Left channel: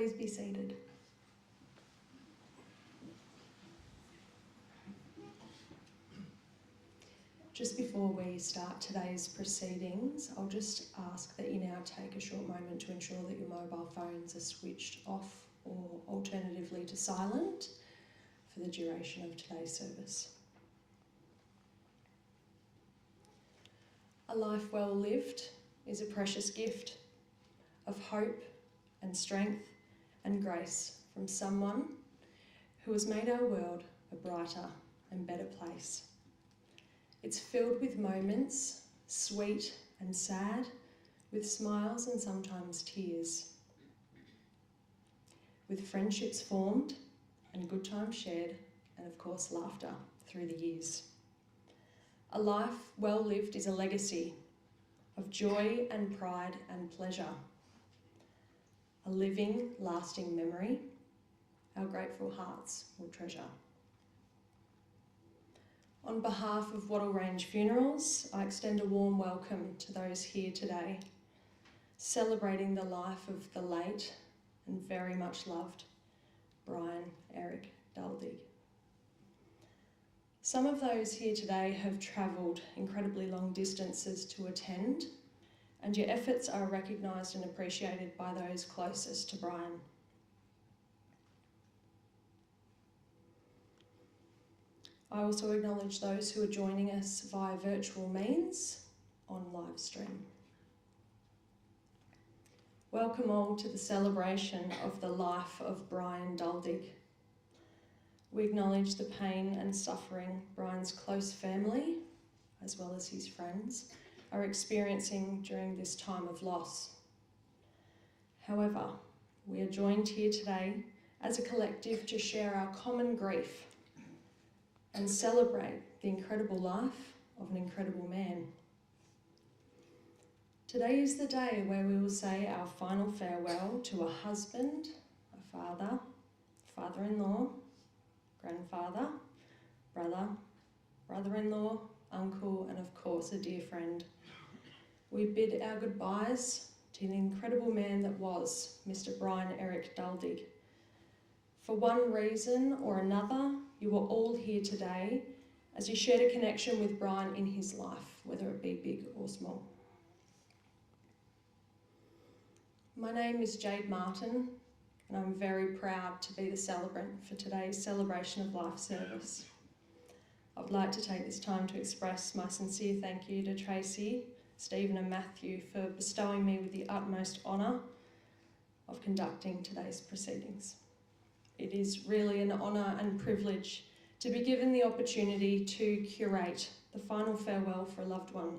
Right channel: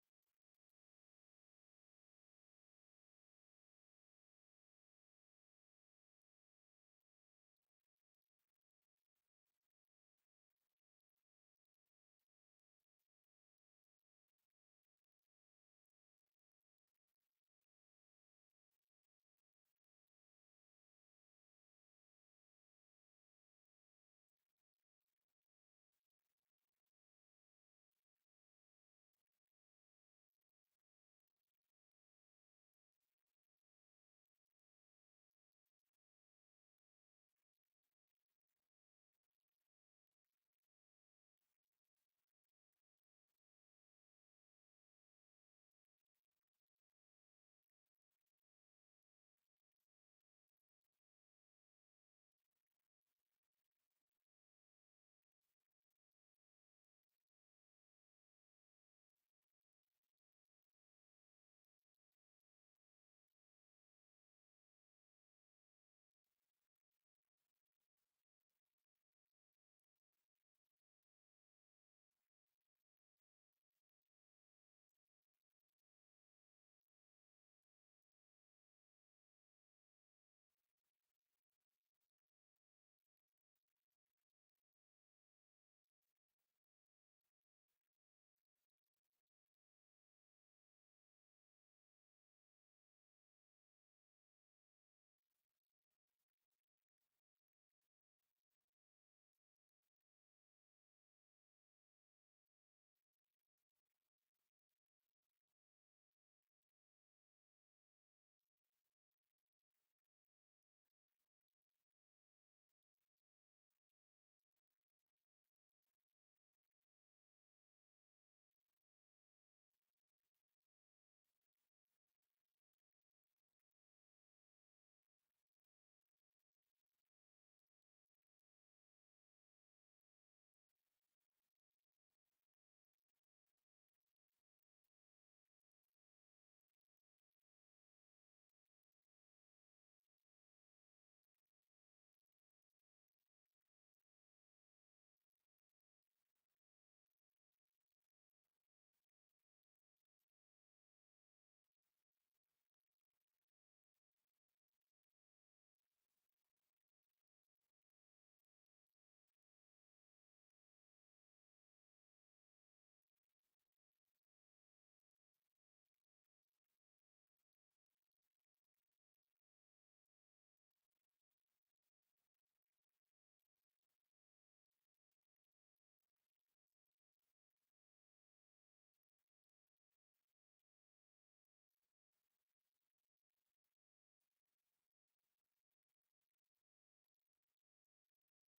Please be seated. Just before we start today's proceedings, I'll just ask that you now take a short moment to ensure that your mobile phones are switched off or alternatively to silent for the duration of today's service. A life well lived is a precious gift of hope and strength and grace from someone who has made our world a brighter and better place. It's filled with moments, sweet and sad, with smiles and sometimes tears, with friendships formed and good times shared, and of course laughter through the years. A life well lived is a legacy of joy and pride and pleasure, a living, lasting memory our grateful hearts will treasure. On behalf of Wattle Range Funerals, I extend a warm welcome to those here today, celebrating the life of the late and very much loved Brian Duldig. Some of those here today have travelled incredibly long distances to attend, and your efforts are recognised and appreciated by those closest to Brian. I also acknowledge those who are joining us via virtual means on live stream. Welcome all to the celebration of the life of Brian Duldig. We acknowledge the pain and suffering Brian's close family, as well as his friends, are experiencing during this time of loss. However, we are joined here today as a collective to share our common grief and celebrate the incredible life of an incredible man. Today is the day where we will say our final farewell to a husband, a father, father-in-law, grandfather, brother, brother-in-law, uncle, and of course a dear friend. We bid our goodbyes to the incredible man that was Mr. Brian Duldig. For one reason or another, you are all here today as you shared a connection with Brian in his life, whether it be big or small. My name is Jade Martin, and I'm very proud to be the celebrant for today's Celebration of Life service. I would like to take this time to express my sincere thank you to Tracy, Stephen and Matthew for bestowing me with the utmost honour of conducting today's proceedings. It is really an honour and privilege to be given the opportunity to curate the final farewell for a loved one.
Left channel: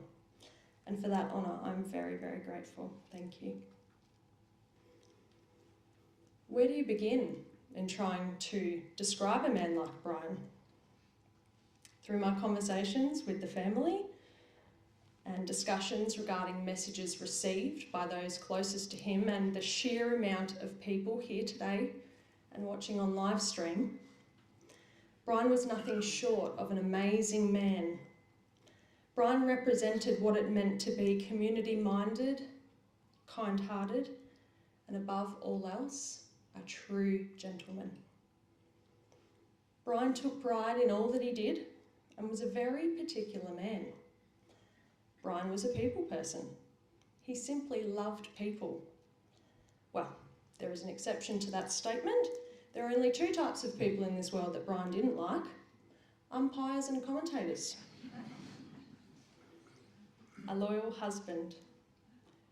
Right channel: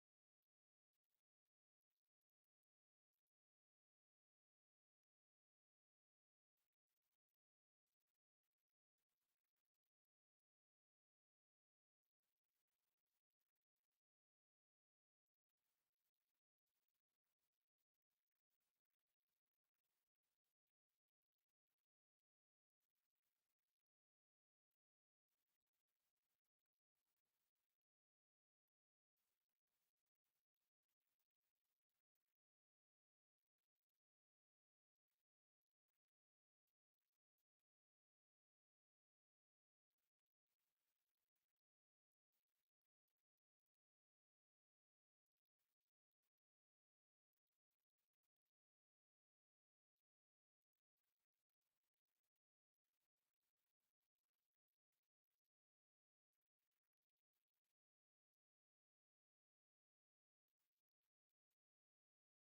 And for that honour, I'm very, very grateful. Thank you. Where do you begin in trying to describe a man like Brian? Through my conversations with the family and discussions regarding messages received by those closest to him and the sheer amount of people here today and watching on live stream, Brian was nothing short of an amazing man. Brian represented what it meant to be community-minded, kind-hearted, and above all else, a true gentleman. Brian took pride in all that he did and was a very particular man. Brian was a people person. He simply loved people. Well, there is an exception to that statement. There are only two types of people in this world that Brian didn't like: umpires and commentators. A loyal husband.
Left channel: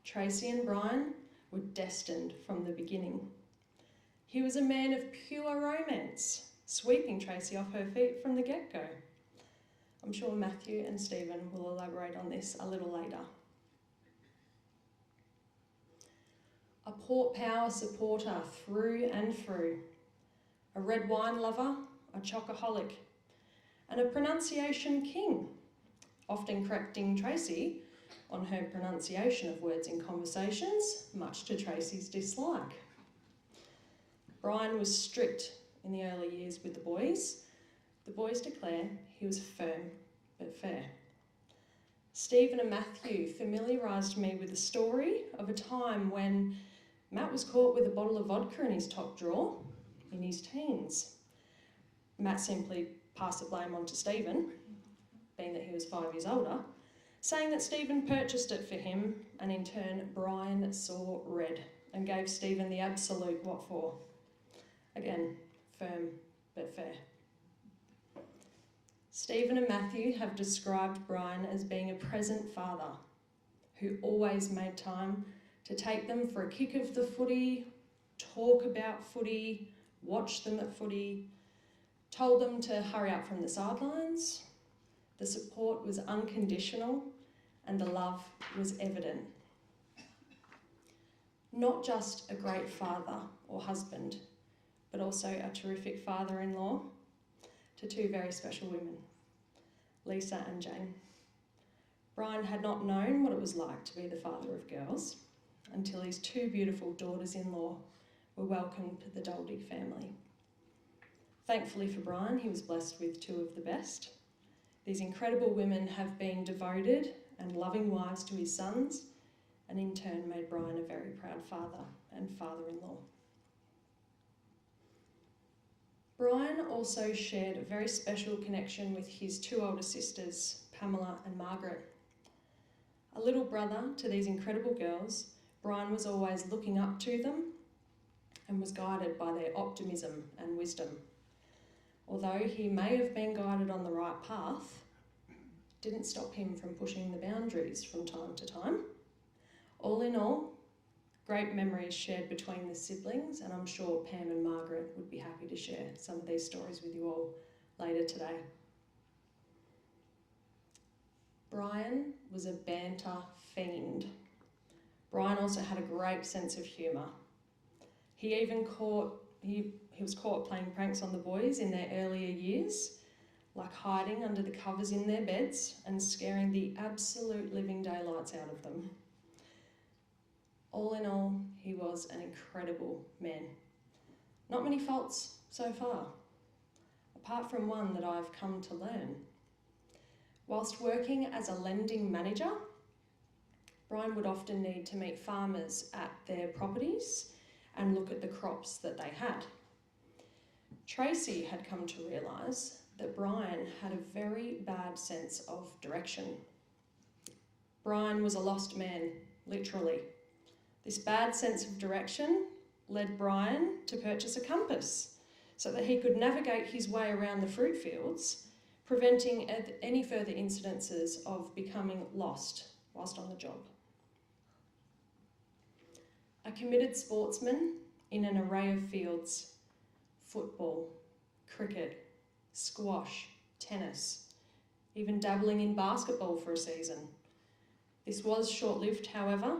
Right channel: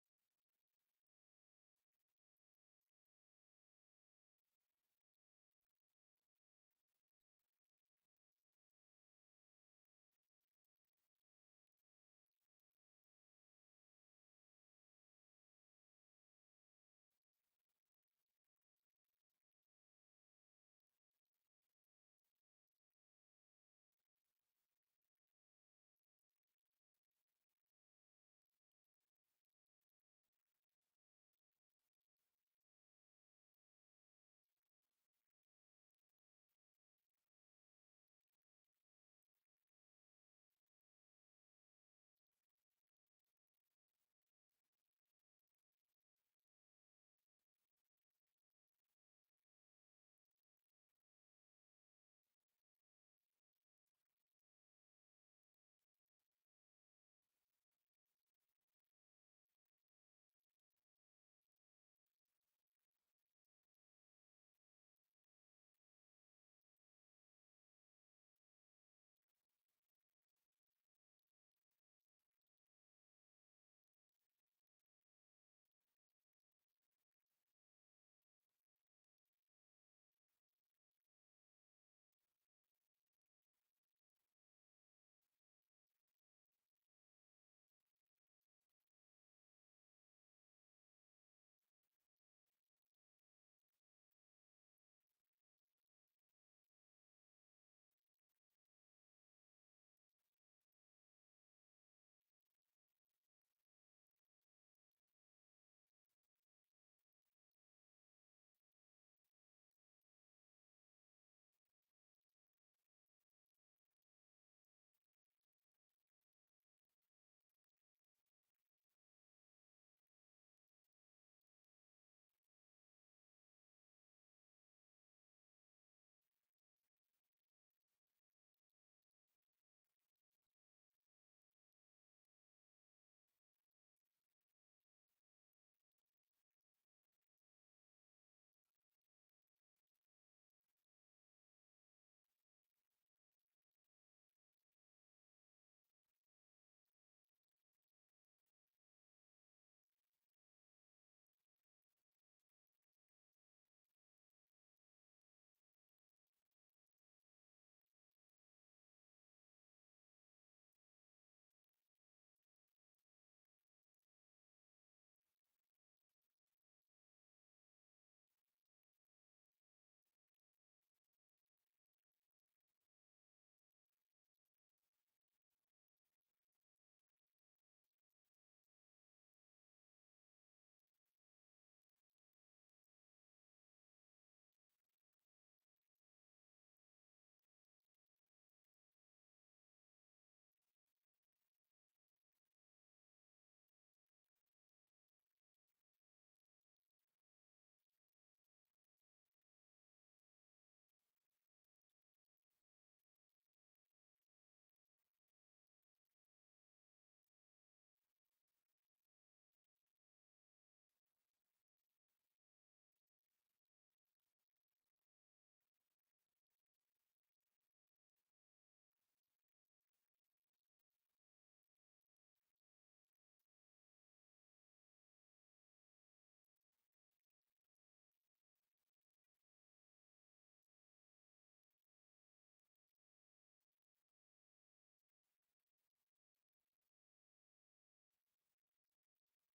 Tracy and Brian were destined from the beginning. He was a man of pure romance, sweeping Tracy off her feet from the get-go. I'm sure Matthew and Stephen will elaborate on this a little later. A Port Power supporter through and through, a red wine lover, a chocoholic, and a pronunciation king, often correcting Tracy on her pronunciation of words in conversations, much to Tracy's dislike. Brian was strict in the early years with the boys. The boys declare he was firm but fair. Stephen and Matthew familiarised me with the story of a time when Matt was caught with a bottle of vodka in his top drawer in his teens. Matt simply passed the blame on to Stephen, being that he was 5 years older, saying that Stephen purchased it for him, and in turn Brian saw red and gave Stephen the absolute what for. Again, firm but fair. Stephen and Matthew have described Brian as being a present father who always made time to take them for a kick of the footy, talk about footy, watch them at footy, told them to hurry up from the sidelines. The support was unconditional and the love was evident. Not just a great father or husband, but also a terrific father-in-law to two very special women, Lisa and Jane. Brian had not known what it was like to be the father of girls until his two beautiful daughters-in-law were welcomed to the Duldig family. Thankfully for Brian, he was blessed with two of the best. These incredible women have been devoted and loving wives to his sons, and in turn made Brian a very proud father and father-in-law. Brian also shared a very special connection with his two older sisters, Pamela and Margaret. A little brother to these incredible girls, Brian was always looking up to them and was guided by their optimism and wisdom. Although he may have been guided on the right path, didn't stop him from pushing the boundaries from time to time. All in all, great memories shared between the siblings, and I'm sure Pam and Margaret would be happy to share some of these stories with you all later today. Brian was a banter fiend. Brian also had a great sense of humour. He was caught playing pranks on the boys in their earlier years, like hiding under the covers in their beds and scaring the absolute living daylights out of them. All in all, he was an incredible man. Not many faults so far, apart from one that I've come to learn. Whilst working as a lending manager, Brian would often need to meet farmers at their properties and look at the crops that they had. Tracy had come to realise that Brian had a very bad sense of direction. Brian was a lost man, literally. This bad sense of direction led Brian to purchase a compass so that he could navigate his way around the fruit fields, preventing any further incidences of becoming lost whilst on the job. A committed sportsman in an array of fields: football, cricket, squash, tennis, even dabbling in basketball for a season. This was short-lived, however.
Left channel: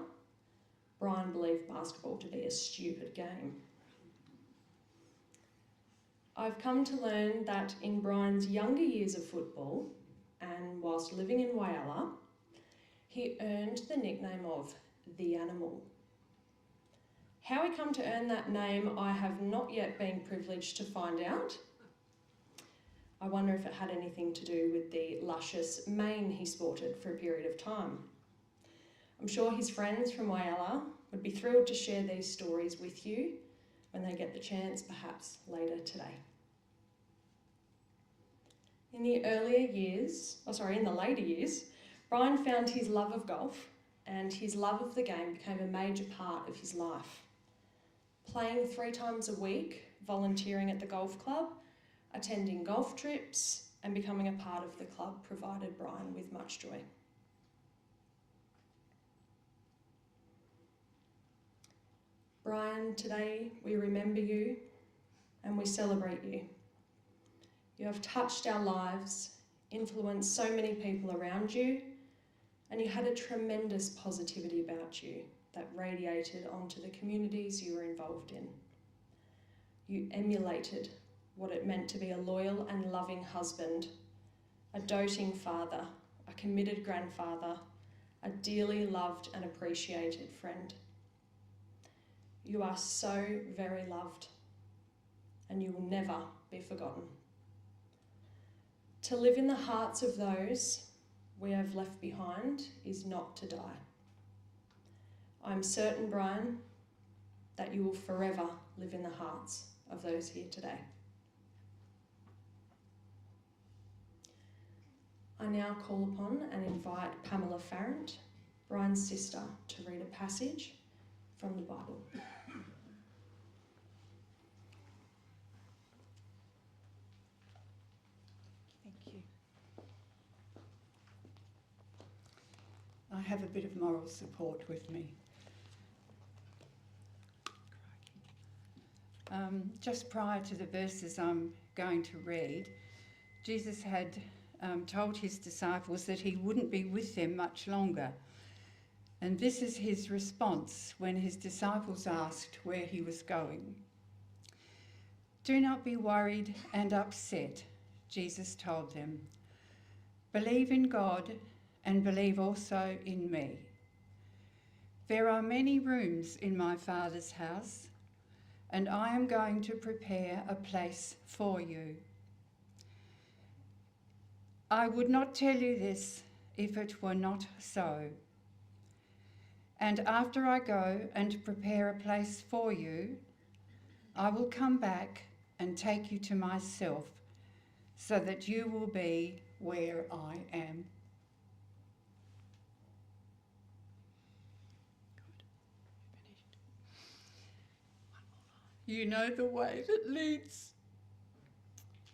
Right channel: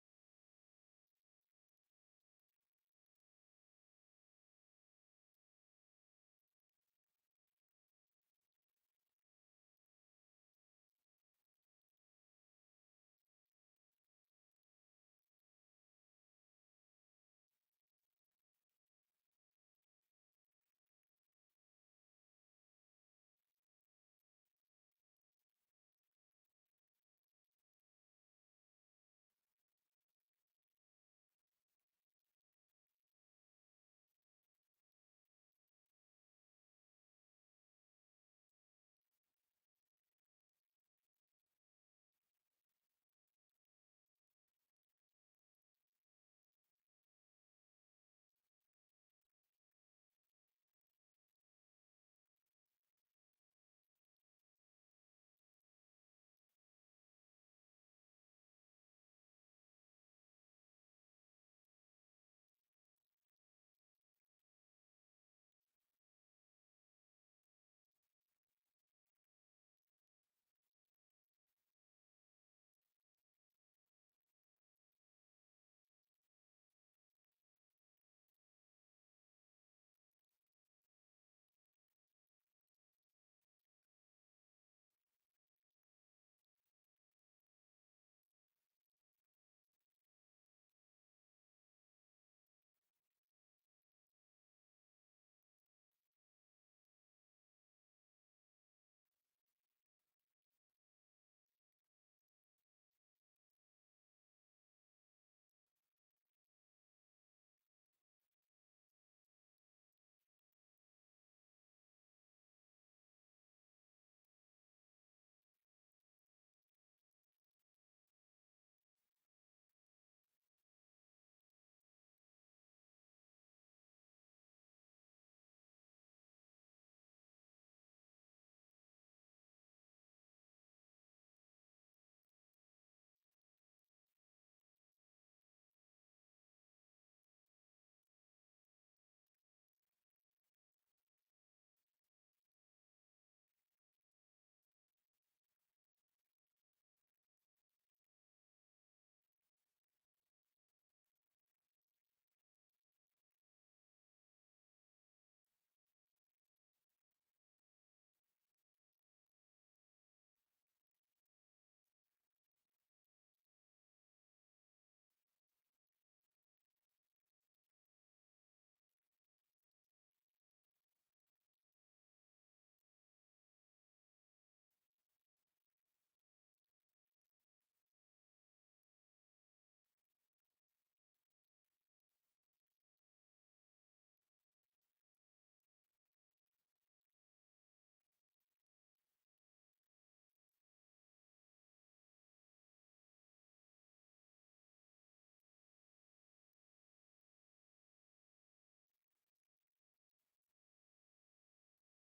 Brian believed basketball to be a stupid game. I've come to learn that in Brian's younger years of football, and whilst living in Whyalla, he earned the nickname of the Animal. How he come to earn that name, I have not yet been privileged to find out. I wonder if it had anything to do with the luscious mane he sported for a period of time. I'm sure his friends from Whyalla would be thrilled to share these stories with you when they get the chance, perhaps later today. In the later years, Brian found his love of golf, and his love of the game became a major part of his life. Playing 3 times a week, volunteering at the golf club, attending golf trips, and becoming a part of the club provided Brian with much joy. Brian, today we remember you and we celebrate you. You have touched our lives, influenced so many people around you, and you had a tremendous positivity about you that radiated onto the communities you were involved in. You emulated what it meant to be a loyal and loving husband, a doting father, a committed grandfather, a dearly loved and appreciated friend. You are so very loved, and you will never be forgotten. To live in the hearts of those we have left behind is not to die. I'm certain, Brian, that you will forever live in the hearts of those here today. I now call upon and invite Pamela Farrant, Brian's sister, to read a passage from the Bible. Thank you. I have a bit of moral support with me. Just prior to the verses I'm going to read, Jesus had told his disciples that he wouldn't be with them much longer. And this is his response when his disciples asked where he was going. "Do not be worried and upset," Jesus told them. "Believe in God and believe also in me. There are many rooms in my Father's house, and I am going to prepare a place for you. I would not tell you this if it were not so. And after I go and prepare a place for you, I will come back and take you to myself, so that you will be where I am." You know the way that leads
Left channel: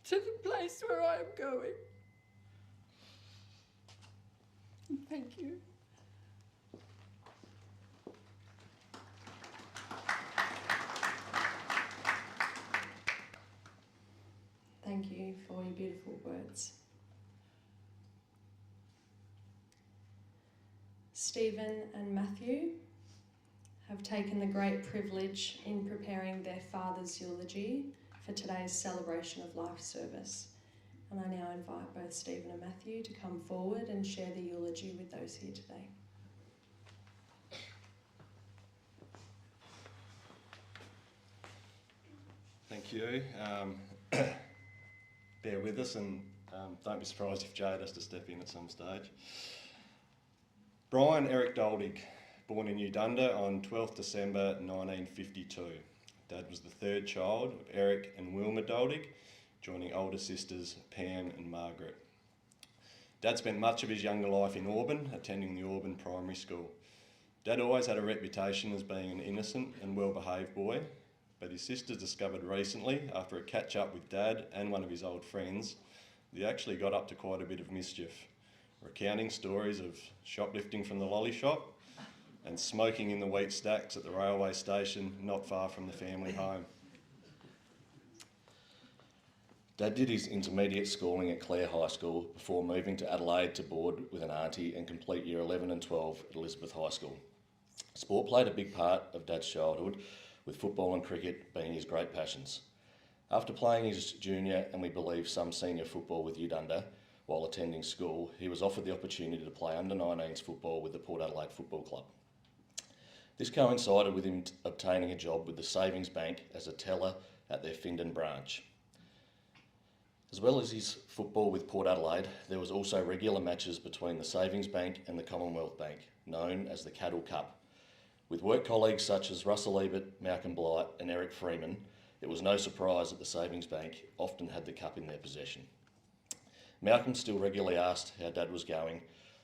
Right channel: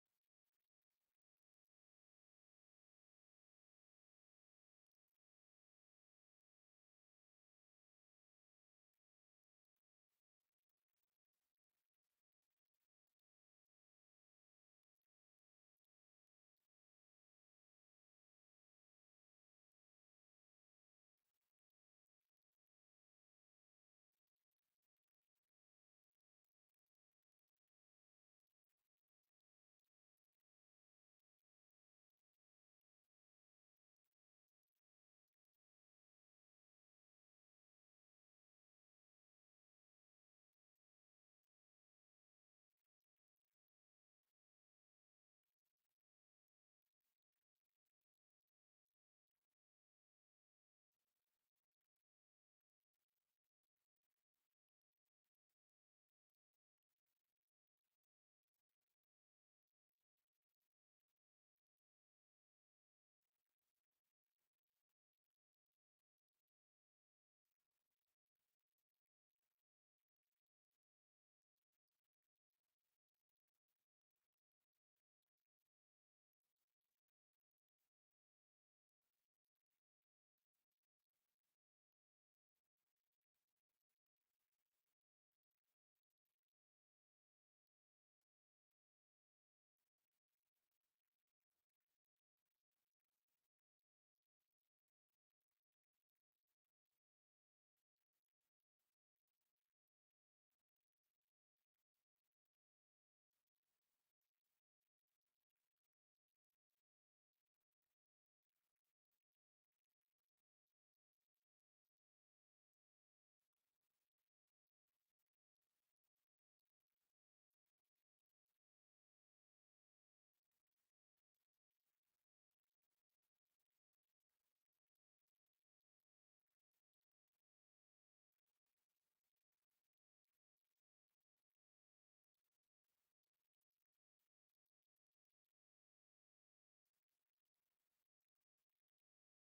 to the place where I am going. Thank you. Thank you for your beautiful words. Stephen and Matthew have taken the great privilege in preparing their father's eulogy for today's celebration of life service. And I now invite both Stephen and Matthew to come forward and share the eulogy with those here today. Thank you. Bear with us and don't be surprised if Jade has to step in at some stage. Brian Eric Duldig, born in Udunda on 12th December 1952. Dad was the third child of Eric and Wilma Duldig, joining older sisters Pam and Margaret. Dad spent much of his younger life in Auburn, attending the Auburn Primary School. Dad always had a reputation as being an innocent and well-behaved boy, but his sisters discovered recently, after a catch-up with Dad and one of his old friends, that he actually got up to quite a bit of mischief, recounting stories of shoplifting from the lolly shop and smoking in the wheat stacks at the railway station not far from the family home. Dad did his intermediate schooling at Clare High School before moving to Adelaide to board with an auntie and complete year 11 and 12 at Elizabeth High School. Sport played a big part of Dad's childhood, with football and cricket being his great passions. After playing his junior and we believe some senior football with Udunda while attending school, he was offered the opportunity to play under-19s football with the Port Adelaide Football Club. This coincided with him obtaining a job with the Savings Bank as a teller at their Findon branch. As well as his football with Port Adelaide, there was also regular matches between the Savings Bank and the Commonwealth Bank, known as the Cattle Cup. With work colleagues such as Russell Ebert, Malcolm Blight and Eric Freeman, it was no surprise that the Savings Bank often had the cup in their possession. Malcolm still regularly asked how Dad was going,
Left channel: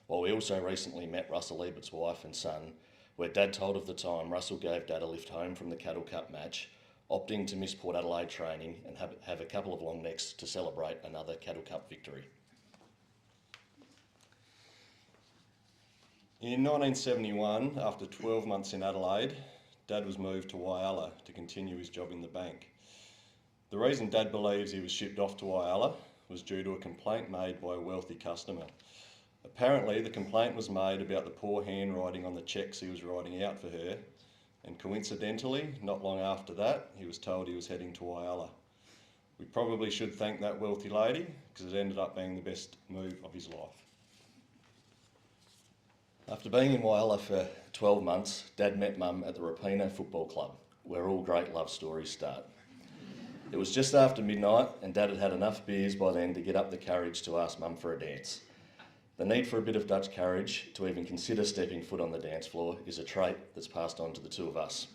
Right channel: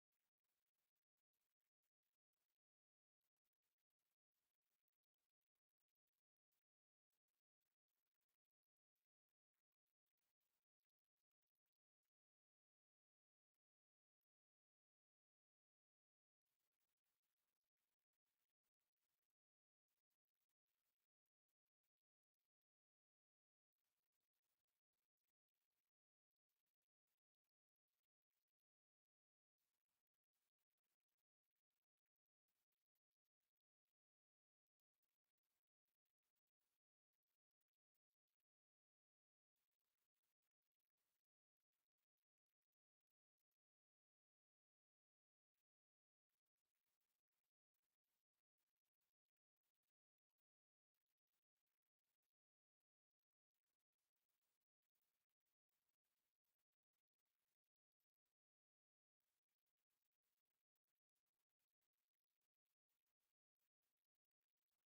while we also recently met Russell Ebert's wife and son, where Dad told of the time Russell gave Dad a lift home from the Cattle Cup match, opting to miss Port Adelaide training and have a couple of long necks to celebrate another Cattle Cup victory. In 1971, after 12 months in Adelaide, Dad was moved to Whyalla to continue his job in the bank. The reason Dad believes he was shipped off to Whyalla was due to a complaint made by a wealthy customer. Apparently, the complaint was made about the poor handwriting on the cheques he was writing out for her, and coincidentally, not long after that, he was told he was heading to Whyalla. We probably should thank that wealthy lady, because it ended up being the best move of his life. After being in Whyalla for 12 months, Dad met Mum at the Rapina Football Club, where all great love stories start. It was just after midnight and Dad had had enough beers by then to get up the courage to ask Mum for a dance. The need for a bit of Dutch courage to even consider stepping foot on the dance floor is a trait that's passed on to the two of us.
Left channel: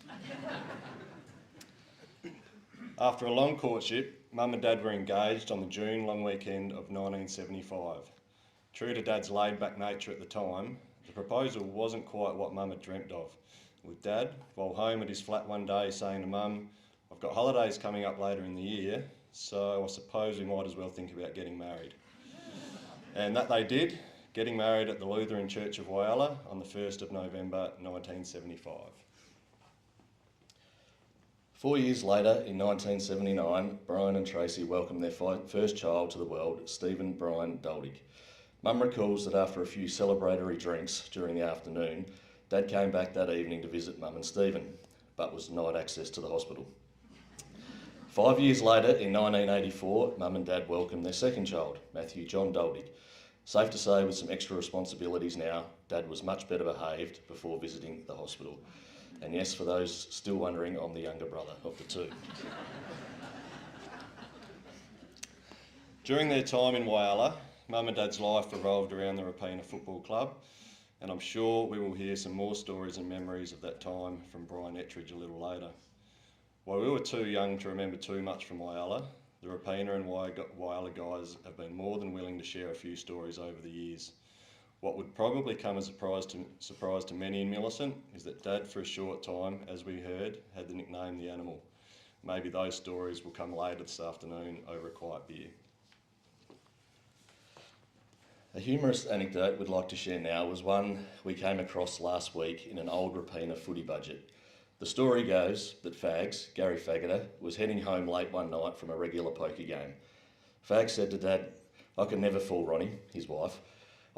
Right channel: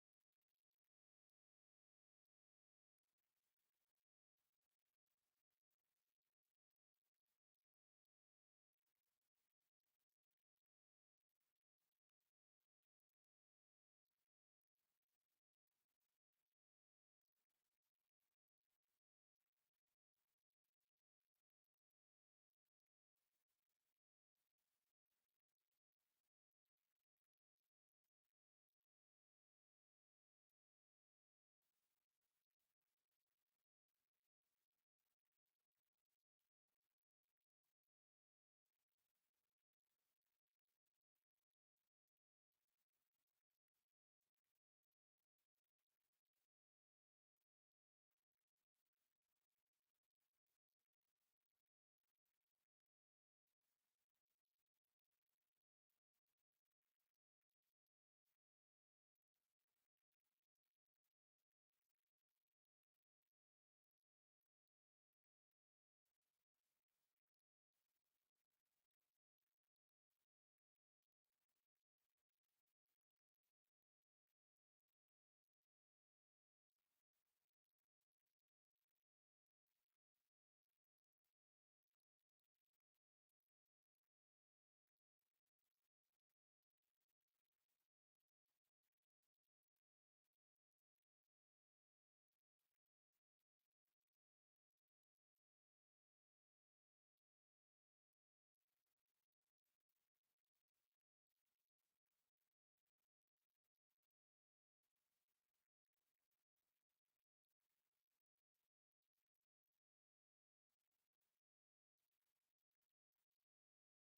After a long courtship, Mum and Dad were engaged on the June long weekend of 1975. True to Dad's laid-back nature at the time, the proposal wasn't quite what Mum had dreamt of, with Dad, while home at his flat one day, saying to Mum, "I've got holidays coming up later in the year, so I suppose we might as well think about getting married." And that they did, getting married at the Lutheran Church of Whyalla on the 1st of November 1975. 4 years later, in 1979, Brian and Tracy welcomed their first child to the world, Stephen Brian Duldig. Mum recalls that after a few celebratory drinks during the afternoon, Dad came back that evening to visit Mum and Stephen, but was denied access to the hospital. 5 years later, in 1984, Mum and Dad welcomed their second child, Matthew John Duldig. Safe to say, with some extra responsibilities now, Dad was much better behaved before visiting the hospital. And yes, for those still wondering, I'm the younger brother of the two. During their time in Whyalla, Mum and Dad's life revolved around the Rapina Football Club, and I'm sure we will hear some more stories and memories of that time from Brian Edridge a little later. While we were too young to remember too much from Whyalla, the Rapina and Whyalla guys have been more than willing to share a few stories over the years. What would probably come as a surprise to many in Millicent is that Dad, for a short time, as we heard, had the nickname The Animal. Maybe those stories will come later this afternoon over a quiet beer. A humorous anecdote we'd like to share now was one we came across last week in an old Rapina footy budget. The story goes that Fags, Gary Faggoter, was heading home late one night from a regular poker game. Fags said to Dad, "I could never fool Ronnie," his wife.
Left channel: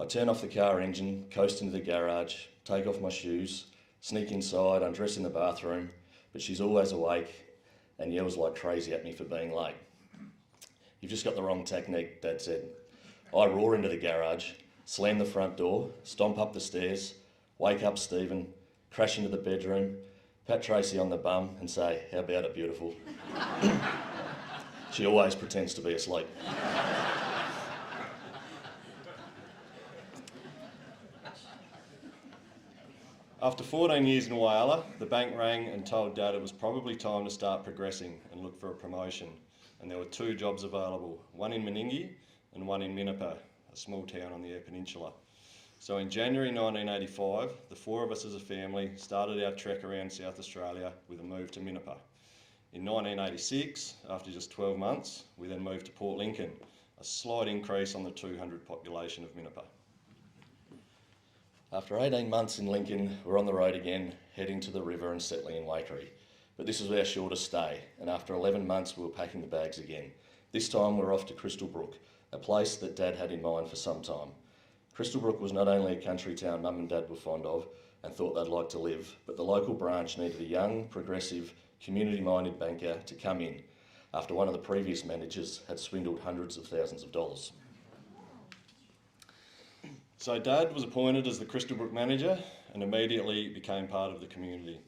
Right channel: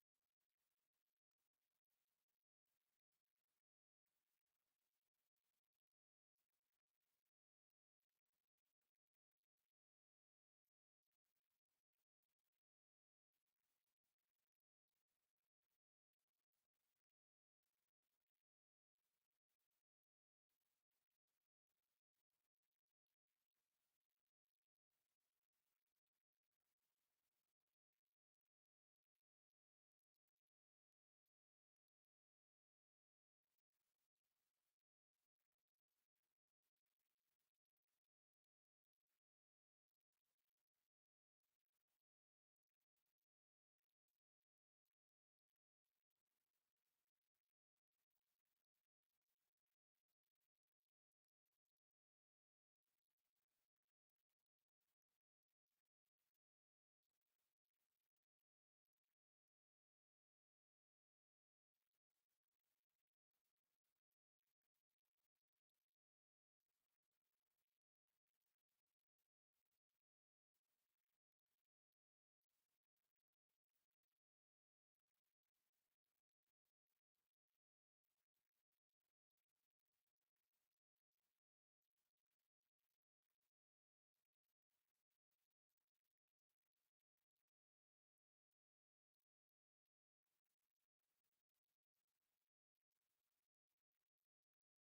"I turn off the car engine, coast into the garage, take off my shoes, sneak inside, undress in the bathroom, but she's always awake and yells like crazy at me for being late." "You've just got the wrong technique," Dad said. "I roar into the garage, slam the front door, stomp up the stairs, wake up Stephen, crash into the bedroom, pat Tracy on the bum and say, 'How about it, beautiful?' She always pretends to be asleep." After 14 years in Whyalla, the bank rang and told Dad it was probably time to start progressing and look for a promotion. And there were two jobs available, one in Meningie and one in Minnipa, a small town on the Eyre Peninsula. So in January 1985, the four of us as a family started our trek around South Australia with a move to Minnipa. In 1986, after just 12 months, we then moved to Port Lincoln, a slight increase on the 200 population of Minnipa. After 18 months in Lincoln, we're on the road again, heading to the river and settling in Waikerie. But this was our shortest stay, and after 11 months we were packing the bags again. This time we're off to Crystal Brook, a place that Dad had in mind for some time. Crystal Brook was not only a country town Mum and Dad were fond of and thought they'd like to live, but the local branch needed a young, progressive, community-minded banker to come in after one of the previous managers had swindled hundreds of thousands of dollars. So Dad was appointed as the Crystal Brook manager and immediately became part of the community.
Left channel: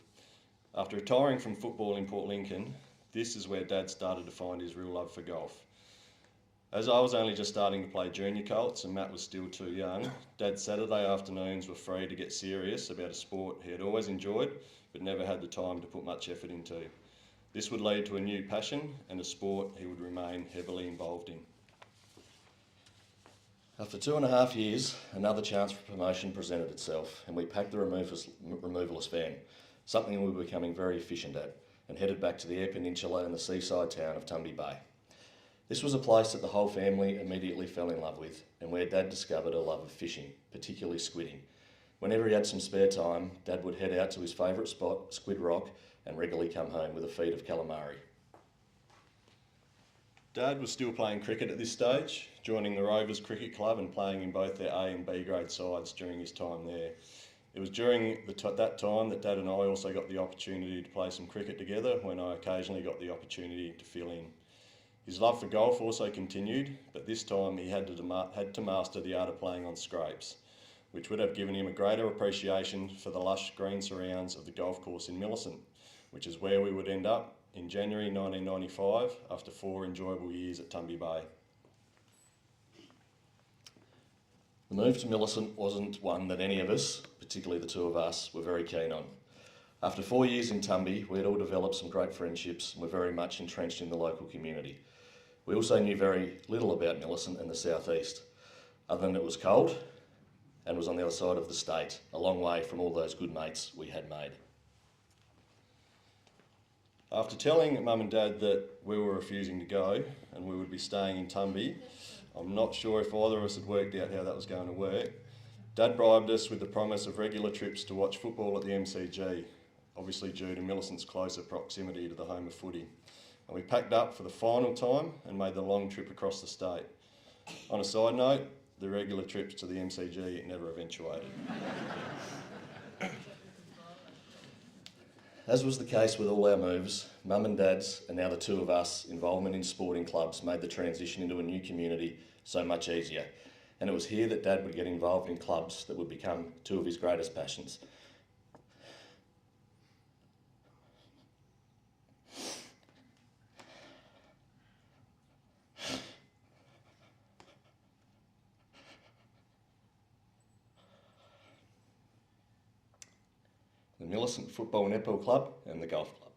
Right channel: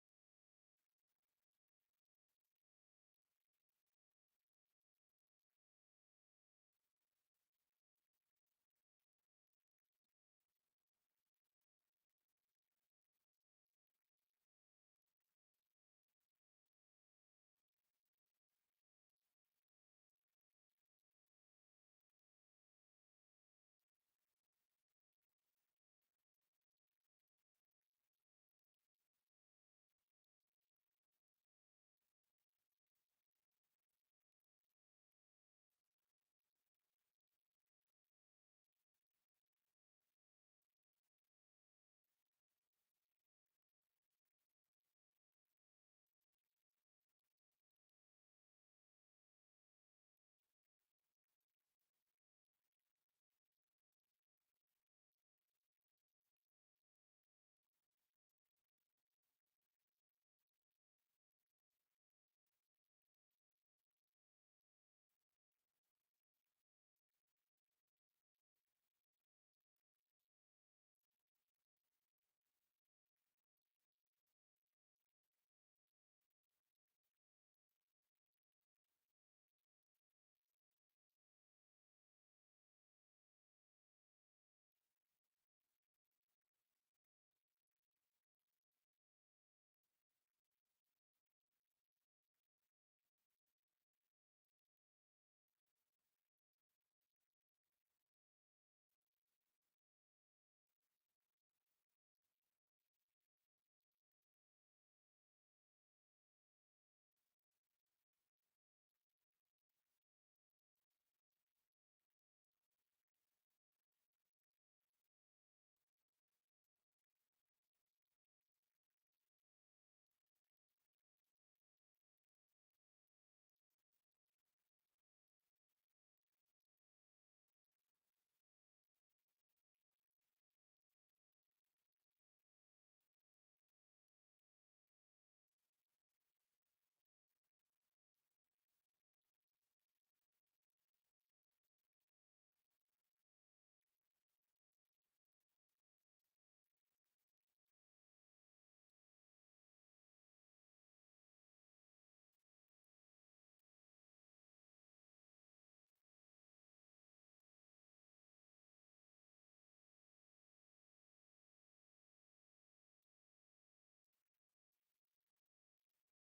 After retiring from football in Port Lincoln, this is where Dad started to find his real love for golf. As I was only just starting to play junior colts and Matt was still too young, Dad's Saturday afternoons were free to get serious about a sport he had always enjoyed but never had the time to put much effort into. This would lead to a new passion and a sport he would remain heavily involved in. After 2.5 years, another chance for promotion presented itself and we packed the removalist van, something we were becoming very efficient at, and headed back to the Eyre Peninsula and the seaside town of Tumby Bay. This was a place that the whole family immediately fell in love with and where Dad discovered a love of fishing, particularly squidding. Whenever he had some spare time, Dad would head out to his favourite spot, Squid Rock, and regularly come home with a feed of calamari. Dad was still playing cricket at this stage, joining the Rovers Cricket Club and playing in both their A and B grade sides during his time there. It was during that time that Dad and I also got the opportunity to play some cricket together when I occasionally got the opportunity to fill in. His love for golf also continued, but this time he had to master the art of playing on scrapes, which would have given him a greater appreciation for the lush green surrounds of the golf course in Millicent, which is where we would end up in January 1995 after 4 enjoyable years at Tumby Bay. The move to Millicent wasn't one that any of us, particularly the two of us, were very keen on. After 4 years in Tumby, we had all developed some great friendships and were very much entrenched in the local community. We also knew very little about Millicent and the southeast, other than it was cold and was on the other side of the state, a long way from all those good mates we had made. After telling Mum and Dad that we were refusing to go and we would be staying in Tumby, I'm not sure if either of us had worked out how that was going to work. Dad bribed us with the promise of regular trips to watch football at the MCG, obviously due to Millicent's closer proximity to the home of footy. And we packed up for the final time and made the long trip across the state. On a side note, the regular trips to the MCG never eventuated. As was the case with all our moves, Mum and Dad's, and now the two of us, involvement in sporting clubs made the transition into a new community so much easier. And it was here that Dad would get involved in clubs that would become two of his greatest passions. The Millicent Football Netball Club and the Golf Club.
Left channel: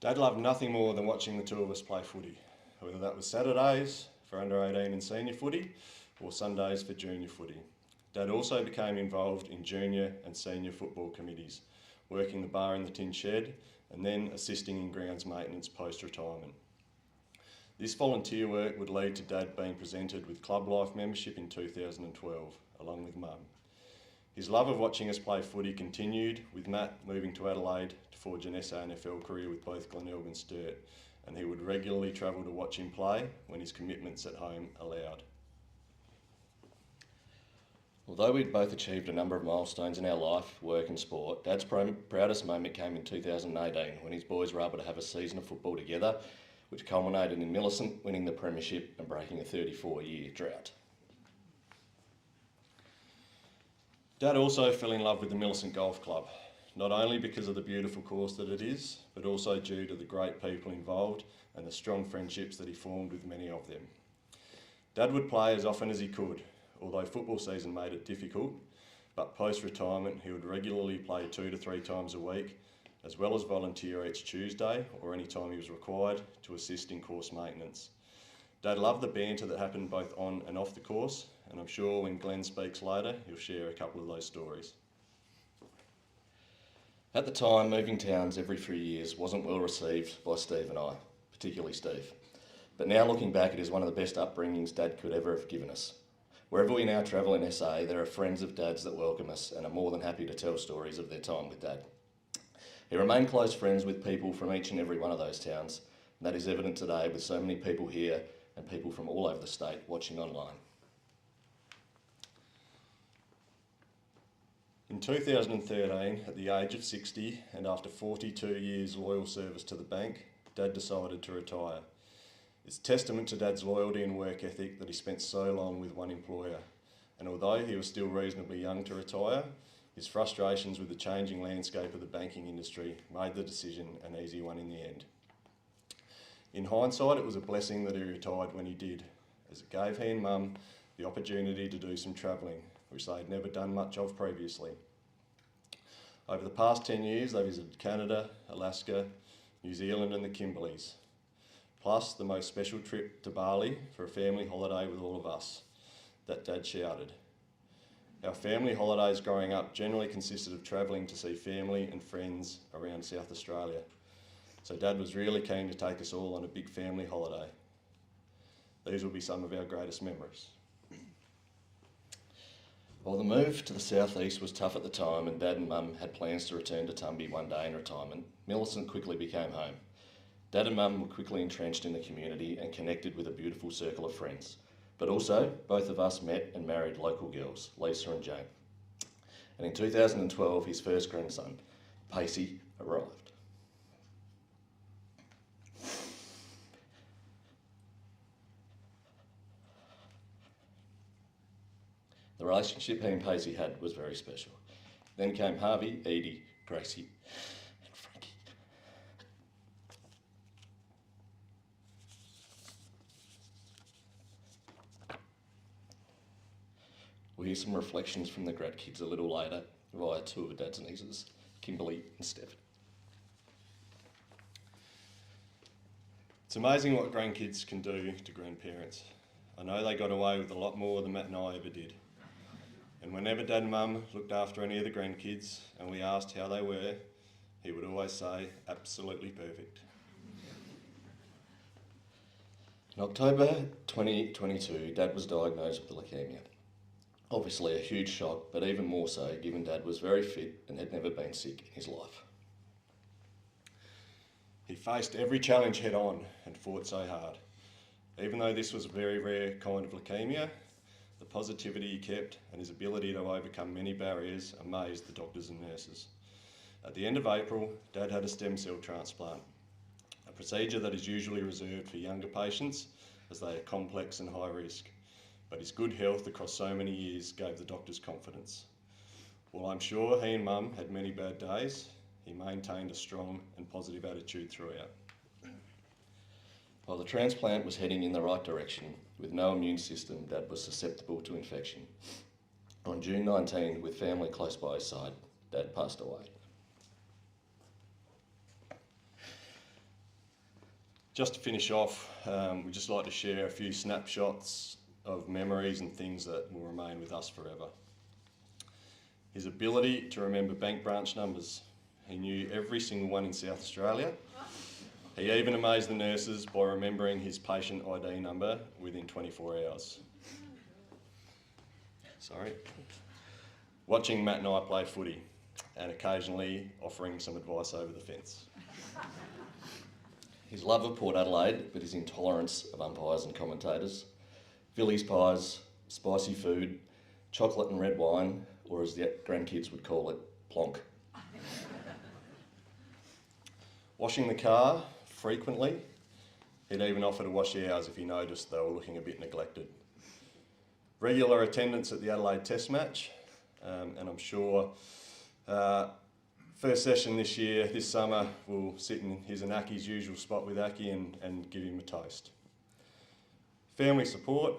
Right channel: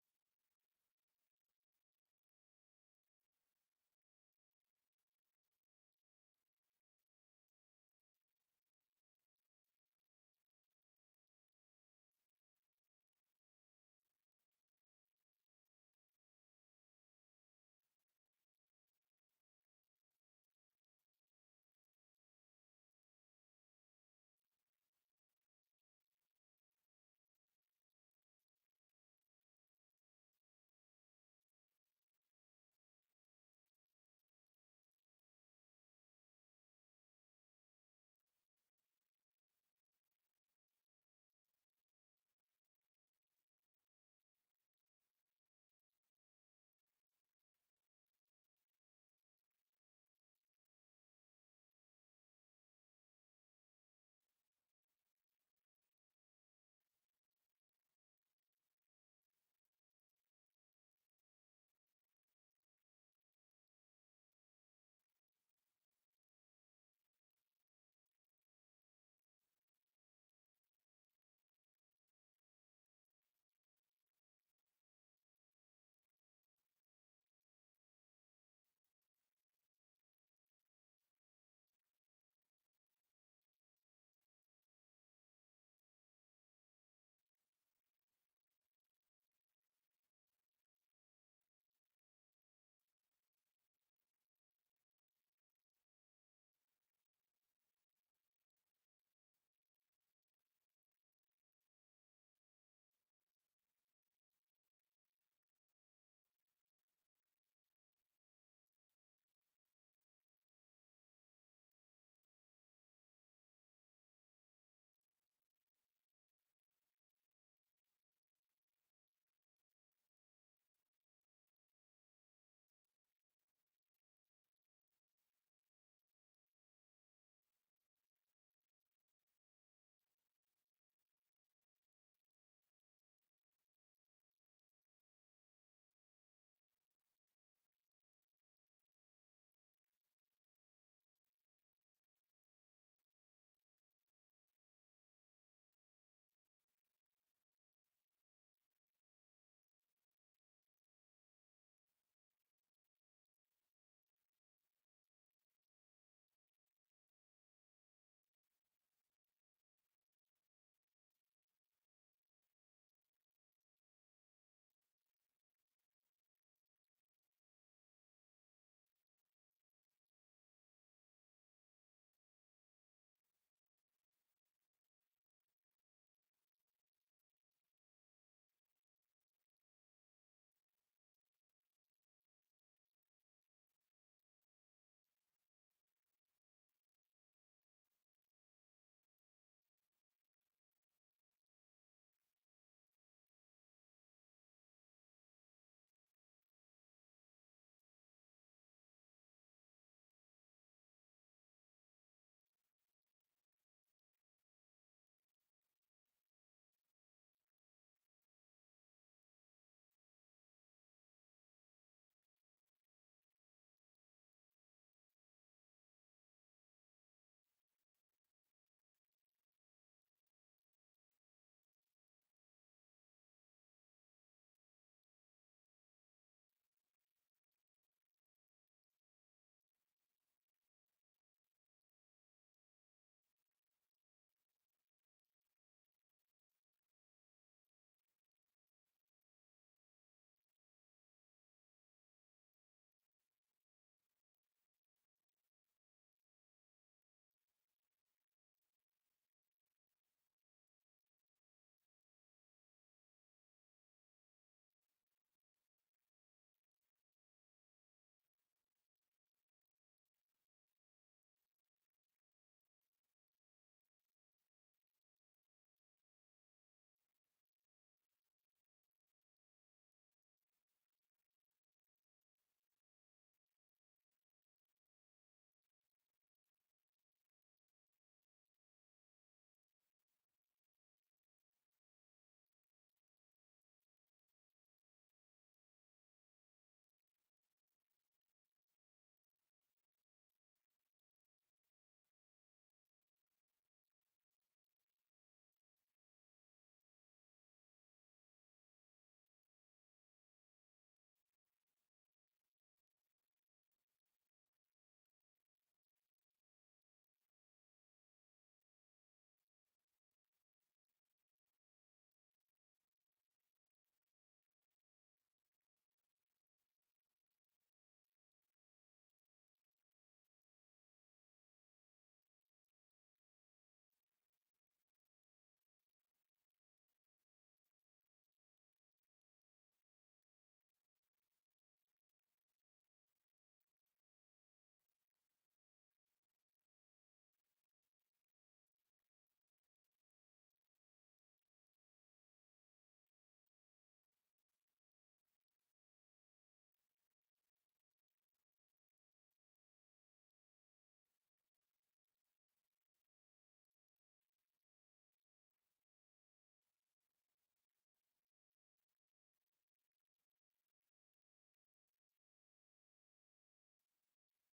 Dad loved nothing more than watching the two of us play footy, whether that was Saturdays for under 18 and senior footy or Sundays for junior footy. Dad also became involved in junior and senior football committees, working the bar in the tin shed and then assisting in grounds maintenance post-retirement. This volunteer work would lead to Dad being presented with Club Life membership in 2012, along with Mum. His love of watching us play footy continued, with Matt moving to Adelaide to forge an SANFL career with both Glenelg and Sturt, and he would regularly travel to watch him play when his commitments at home allowed. Although we'd both achieved a number of milestones in our life, work and sport, Dad's proudest moment came in 2018 when his boys were able to have a season of football together, which culminated in Millicent winning the premiership and breaking a 34-year drought. Dad also fell in love with the Millicent Golf Club, not only because of the beautiful course that it is, but also due to the great people involved and the strong friendships that he formed with many of them. Dad would play as often as he could, although football season made it difficult, but post-retirement he would regularly play 2 to 3 times a week, as well as volunteer each Tuesday or any time he was required to assist in course maintenance. Dad loved the banter that happened both on and off the course, and I'm sure when Glenn speaks later, he'll share a couple of those stories. At the time, moving towns every few years wasn't well received by Steve and I, particularly Steve. But now looking back, it is one of the best upbringings Dad could ever have given us. Wherever we now travel in SA, there are friends of Dad's that welcome us and are more than happy to tell stories of their time with Dad. He remained close friends with people from each and every one of those towns, and that is evident today with so many people here and people from all over the state watching online. In 2013, at the age of 60 and after 42 years loyal service to the bank, Dad decided to retire. It's testament to Dad's loyalty and work ethic that he spent so long with one employer, and although he was still reasonably young to retire, his frustrations with the changing landscape of the banking industry made the decision an easy one in the end. In hindsight, it was a blessing that he retired when he did, as it gave he and Mum the opportunity to do some travelling, which they had never done much of previously. Over the past 10 years, they visited Canada, Alaska, New Zealand and the Kimberleys, plus the most special trip to Bali for a family holiday with all of us, that Dad shouted. Our family holidays growing up generally consisted of travelling to see family and friends around South Australia, so Dad was really keen to take us all on a big family holiday. These will be some of our greatest memories. While the move to the southeast was tough at the time and Dad and Mum had plans to return to Tumby one day in retirement, Millicent quickly became home. Dad and Mum were quickly entrenched in the community and connected with a beautiful circle of friends. But also, both of us met and married local girls, Lisa and Jane. And in 2012, his first grandson, Pacey, arrived. The relationship he and Pacey had was very special. Then came Harvey, Edie, Gracie, and Frankie. We'll hear some reflections from the grandkids a little later via two of Dad's nieces, Kimberly and Steph. It's amazing what grandkids can do to grandparents. I know they got away with a lot more than Matt and I ever did. And whenever Dad and Mum looked after any of the grandkids and we asked how they were, he would always say, absolutely perfect. In October 2022, Dad was diagnosed with leukaemia. Obviously a huge shock, but even more so given Dad was very fit and had never been sick in his life. He faced every challenge head on and fought so hard. Even though this was a very rare kind of leukaemia, the positivity he kept and his ability to overcome many barriers amazed the doctors and nurses. At the end of April, Dad had a stem cell transplant, a procedure that is usually reserved for younger patients as they are complex and high risk. But his good health across so many years gave the doctors confidence. While I'm sure he and Mum had many bad days, he maintained a strong and positive attitude throughout. While the transplant was heading in the right direction, with no immune system, Dad was susceptible to infection. On June 19, with family close by his side, Dad passed away. Just to finish off, we'd just like to share a few snapshots of memories and things that will remain with us forever. His ability to remember bank branch numbers. He knew every single one in South Australia. He even amazed the nurses by remembering his patient ID number within 24 hours. Sorry. Watching Matt and I play footy and occasionally offering some advice over the fence. His love of Port Adelaide, but his intolerance of umpires and commentators. Phillies pies, spicy food, chocolate and red wine, or as the grandkids would call it, plonk. Washing the car frequently. He'd even offer to wash ours if he noticed they were looking a bit neglected. Regular attendance at the Adelaide Test match, and I'm sure first session this summer, we'll sit in his and Aki's usual spot with Aki and give him a toast. Family support.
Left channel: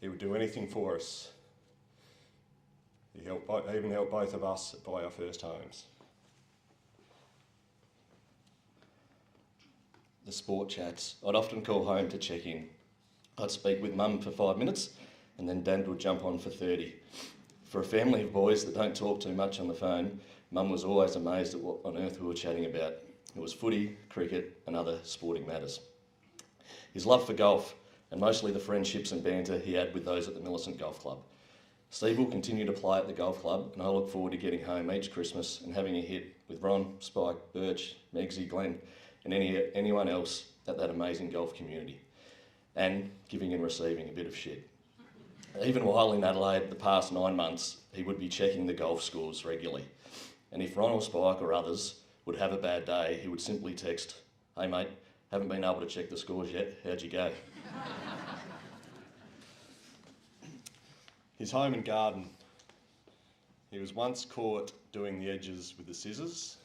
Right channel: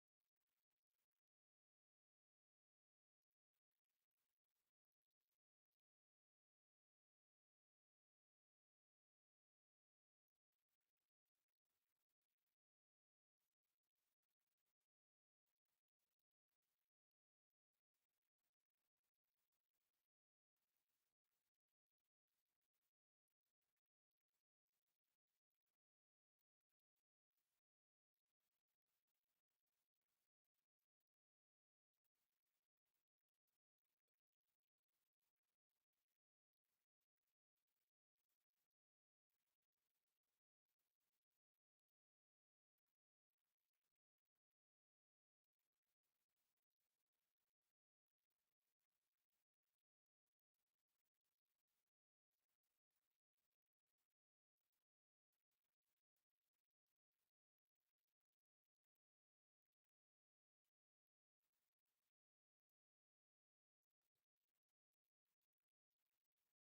He would do anything for us. He even helped both of us buy our first homes. The sport chats. I'd often call home to check in. I'd speak with Mum for 5 minutes and then Dad would jump on for 30. For a family of boys that don't talk too much on the phone, Mum was always amazed at what on earth we were chatting about. It was footy, cricket and other sporting matters. His love for golf and mostly the friendships and banter he had with those at the Millicent Golf Club. Steve will continue to play at the golf club and I look forward to getting home each Christmas and having a hit with Ron, Spike, Birch, Megsy, Glenn and anyone else at that amazing golf community. And giving and receiving a bit of shit. Even while in Adelaide the past 9 months, he would be checking the golf scores regularly. And if Ron or Spike or others would have a bad day, he would simply text, "Hey mate, haven't been able to check the scores yet, how'd you go?" His home and garden. He was once caught doing the edges with the scissors.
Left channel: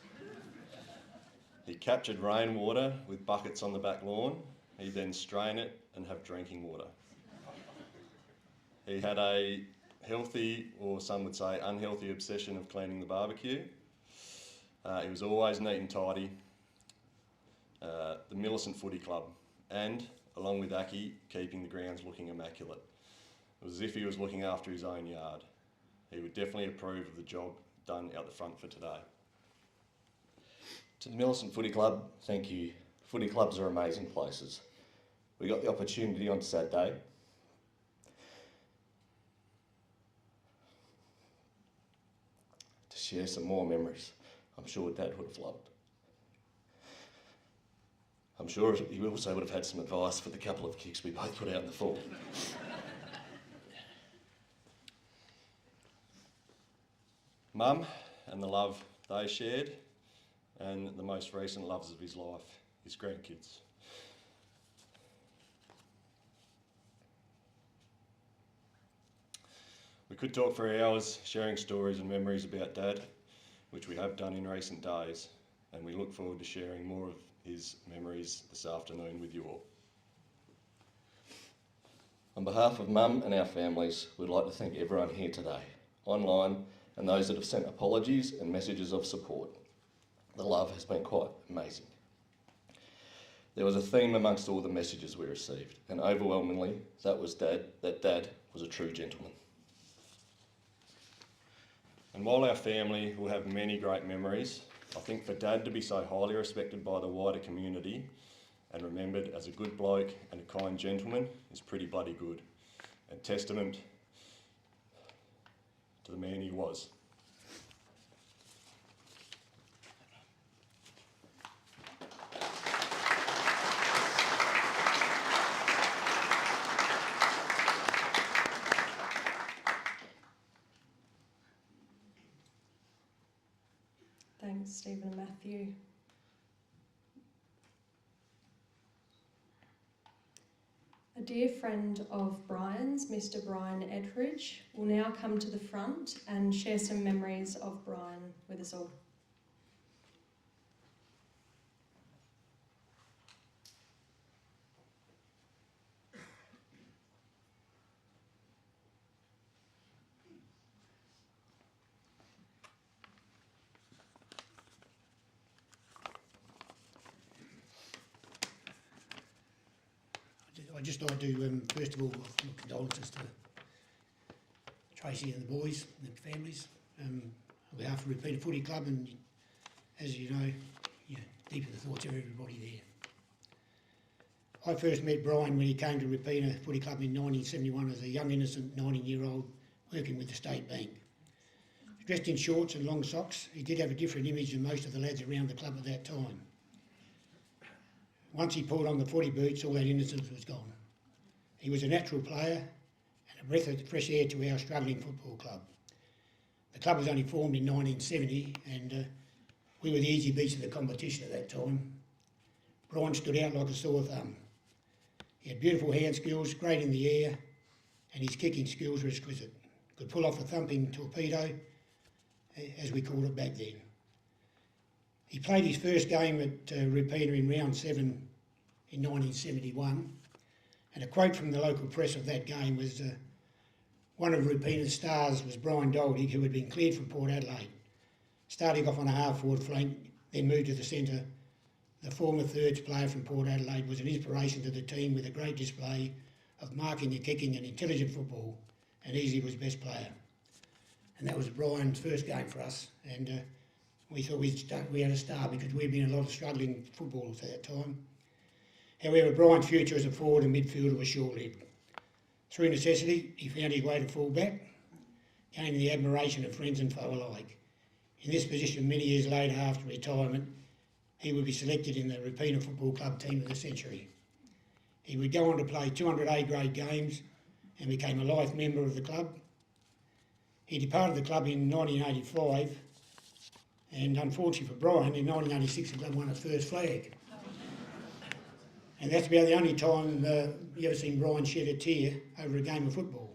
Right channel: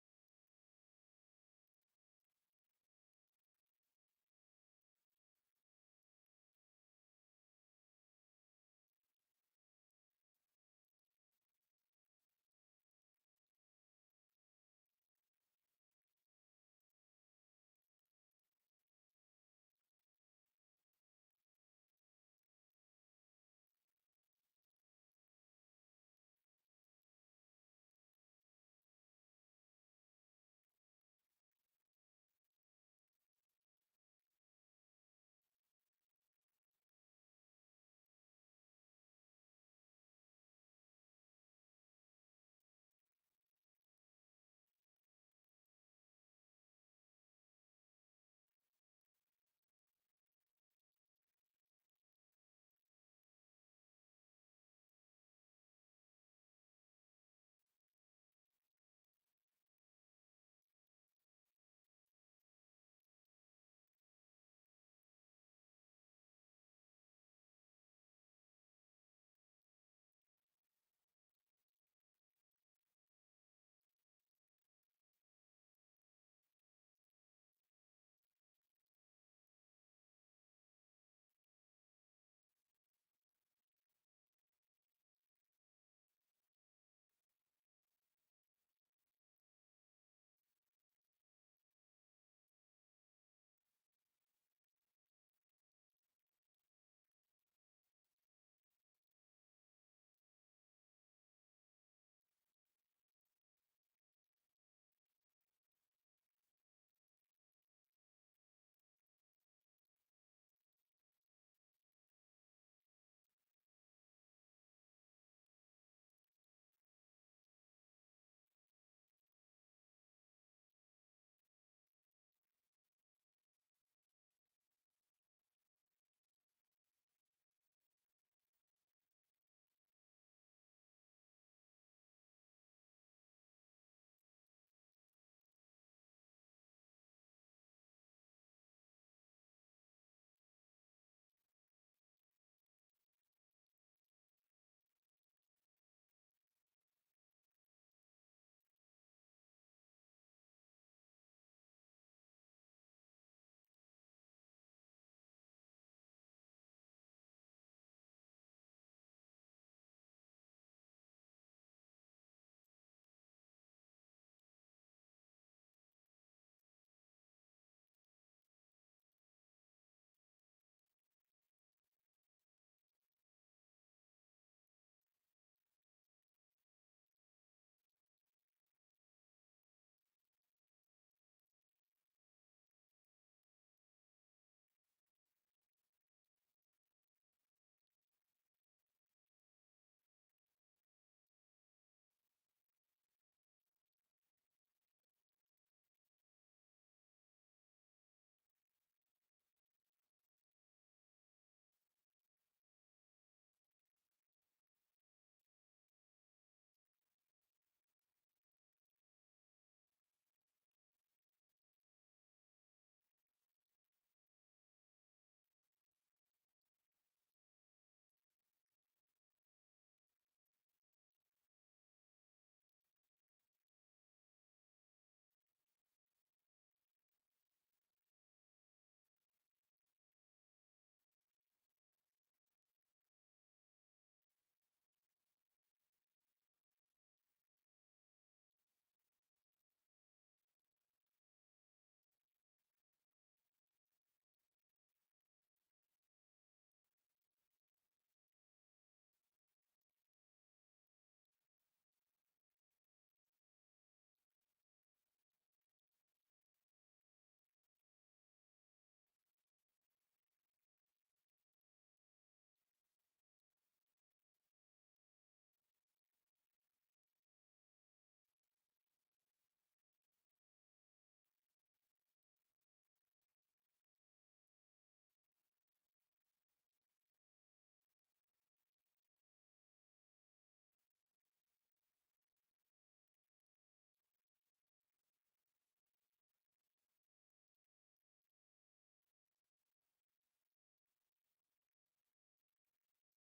He captured rainwater with buckets on the back lawn. He'd then strain it and have drinking water. He had a healthy, or some would say unhealthy, obsession of cleaning the barbecue. He was always neat and tidy. The Millicent Footy Club, and along with Aki, keeping the grounds looking immaculate. It was as if he was looking after his own yard. He would definitely approve of the job done out the front for today. To the Millicent Footy Club, thank you. Footy clubs are amazing places. We got the opportunity on Saturday to share some more memories I'm sure Dad would have loved. I'm sure he also would have had some advice for the couple of kicks we both put out in the fall. Mum and the love they shared, and the most recent loves of his life, his grandkids. We could talk for hours sharing stories and memories about Dad, which we have done in recent days. and we look forward to sharing more of his memories this afternoon with you all. On behalf of Mum and our families, we'd like to thank everyone here today, online, and those that have sent apologies and messages of support. The love has been quite amazing. There was a theme amongst all the messages we received, and overwhelmingly, that Dad was a true gentleman. And while our family will have many great memories, I think for Dad to be so highly respected by the wider community and remembered as a good bloke and a kind gentleman is pretty bloody good, and testament to the man he was. Thanks, Stephen and Matthew. A dear friend of Brian's, Mr. Brian Edridge, will now come to the front and share some memories of Brian with us all. I'd just like to, first of all, offer my condolences to Tracy and the boys and their families on behalf of Repeater Footy Club, and as you know, deep in the thoughts of everybody there. I first met Brian when he came to Repeater Footy Club in 1971 as a young innocent 19-year-old working with the State Bank. Dressed in shorts and long socks, he did have a different image than most of the lads around the club at that time. Once he pulled on the footy boots, all that innocence was gone. He was a natural player and a breath of fresh air to our struggling football club. The club was only formed in 1970 and we were the easy beats of the competition at that time. Brian stood out like a sore thumb. He had beautiful hand skills, great in the air, and his kicking skills were exquisite. Could pull off a thumping torpedo, as we called it back then. He played his first game at Repeater in round 7 in 1971, and a quote from the local press of that game was one of Repeater's stars was Brian Duldig, who had been cleared from Port Adelaide. Starting off on a half-forward flank, then moved to the centre, the former thirds player from Port Adelaide was an inspiration to the team with a great display of marking and kicking and intelligent football, and easily was best player. And that was Brian's first game for us, and we thought we had a star because we'd been a lot of struggling footballers at that time. However, Brian's future as a forward and midfielder was short-lived. Through necessity, he found his way to full-back, gaining the admiration of friends and foe alike. In this position, many years later after retirement, he would be selected in the Repeater Football Club team of the century. He would go on to play 200 A-grade games and became a life member of the club. He departed the club in 1985, and unfortunately for Brian, in 1986 the club won its first flag. And that's about the only time you ever seen Brian shed a tear over a game of football.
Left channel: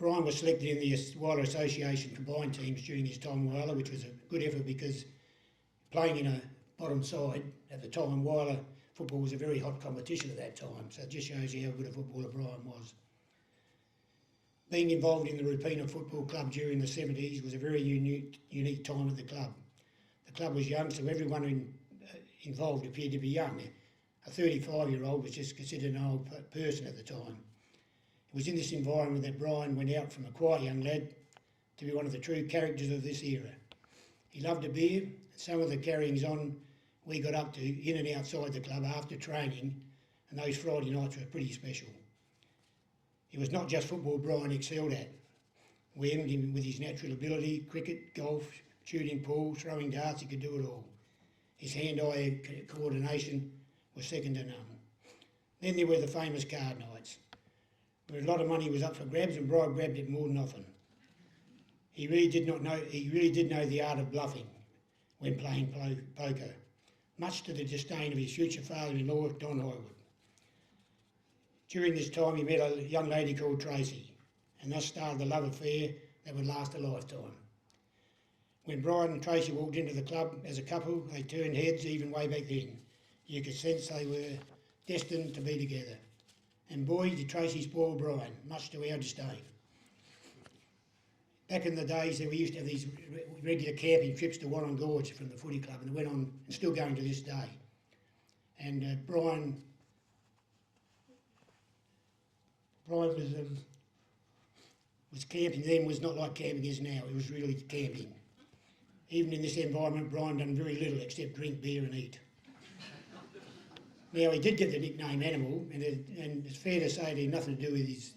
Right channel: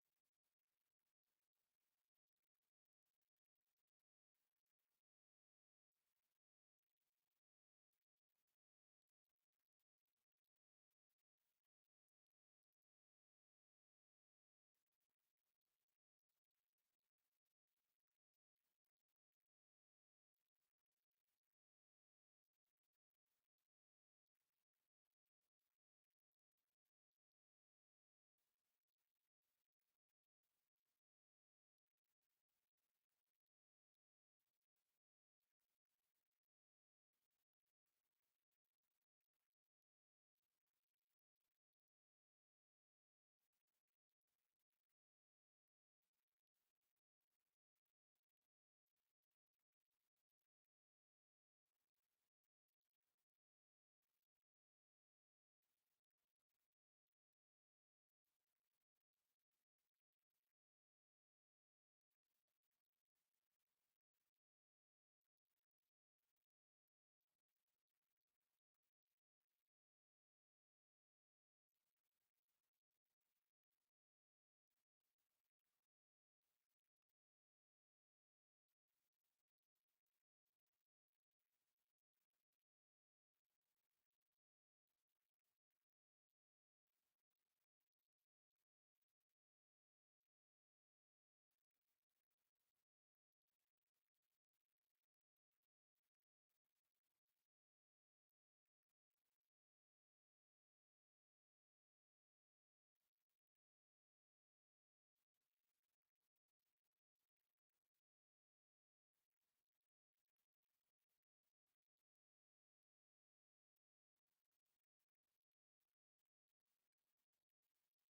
Brian was selected in the Whyalla Association combined teams during his time in Whyalla, which was a good effort because playing in a bottom side at the time, Whyalla football was a very hot competition at that time, so it just shows you how good a footballer Brian was. Being involved in the Repeater Football Club during the 70s was a very unique time at the club. The club was young, so everyone involved appeared to be young. A 35-year-old was just considered an old person at the time. It was in this environment that Brian went out from a quiet young lad to be one of the true characters of this era. He loved a beer, and some of the carryings on we got up to in and outside the club after training, and those Friday nights were pretty special. It was not just football Brian excelled at. We envied him with his natural ability, cricket, golf, shooting pool, throwing darts, he could do it all. His hand-eye coordination was second to none. Then there were the famous card nights, where a lot of money was up for grabs and Brian grabbed it more than often. He really did know the art of bluffing when playing poker, much to the disdain of his future father-in-law, Don Highwood. During this time he met a young lady called Tracy, and thus started the love affair that would last a lifetime. When Brian and Tracy walked into the club as a couple, they turned heads even way back then. You could sense they were destined to be together. And boy, did Tracy spoil Brian, much to our disdain. Back in the days, we used to have these regular camping trips to Warren Gorge from the footy club, and they went on, and still going to this day. And Brian was camping then, was not like camping is now. It was really camping. Even in this environment, Brian done very little except drink beer and eat. Now, he did get the nickname Animal, and it's fair to say it had nothing to do with his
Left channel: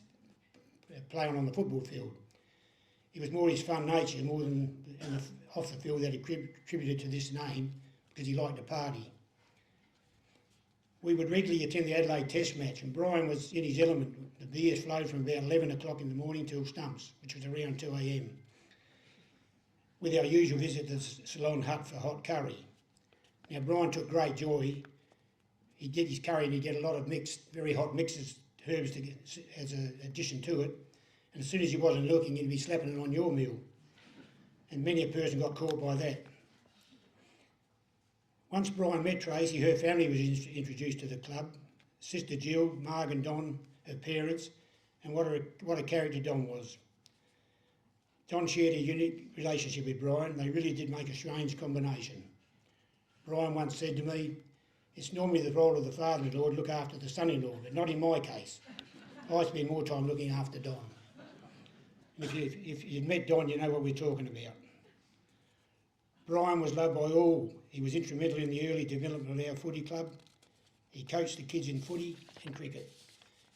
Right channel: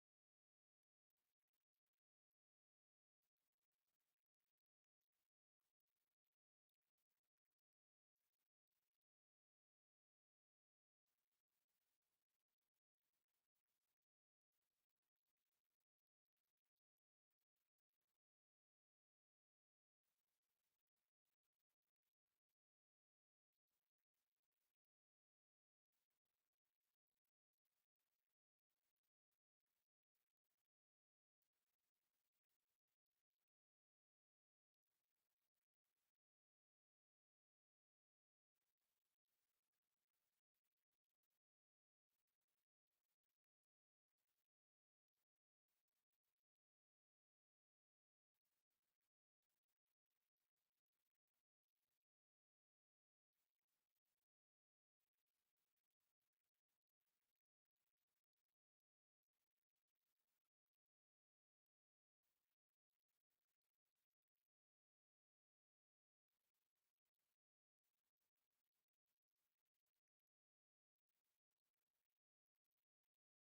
playing on the football field. It was more his fun nature, more than off the field, that he attributed to this name, because he liked to party. We would regularly attend the Adelaide Test match, and Brian was in his element. The beers flowed from about 11 o'clock in the morning till stumps, which was around 2 a.m. with our usual visit to the Salon Hut for hot curry. Now, Brian took great joy. He did his curry and he'd get a lot of mixed, very hot mixes, herbs to get, as an addition to it. And as soon as he wasn't looking, he'd be slapping it on your meal. And many a person got caught by that. Once Brian met Tracy, her family was introduced to the club. Sister Jill, Marg and Don, her parents, and what a character Don was. Don shared a unique relationship with Brian. They really did make a strange combination. Brian once said to me, "It's normally the role of the father-in-law to look after the son-in-law, but not in my case. I spend more time looking after Don." And if you've met Don, you know what we're talking about. Brian was loved by all. He was instrumental in the early development of our footy club. He coached the kids in footy and cricket,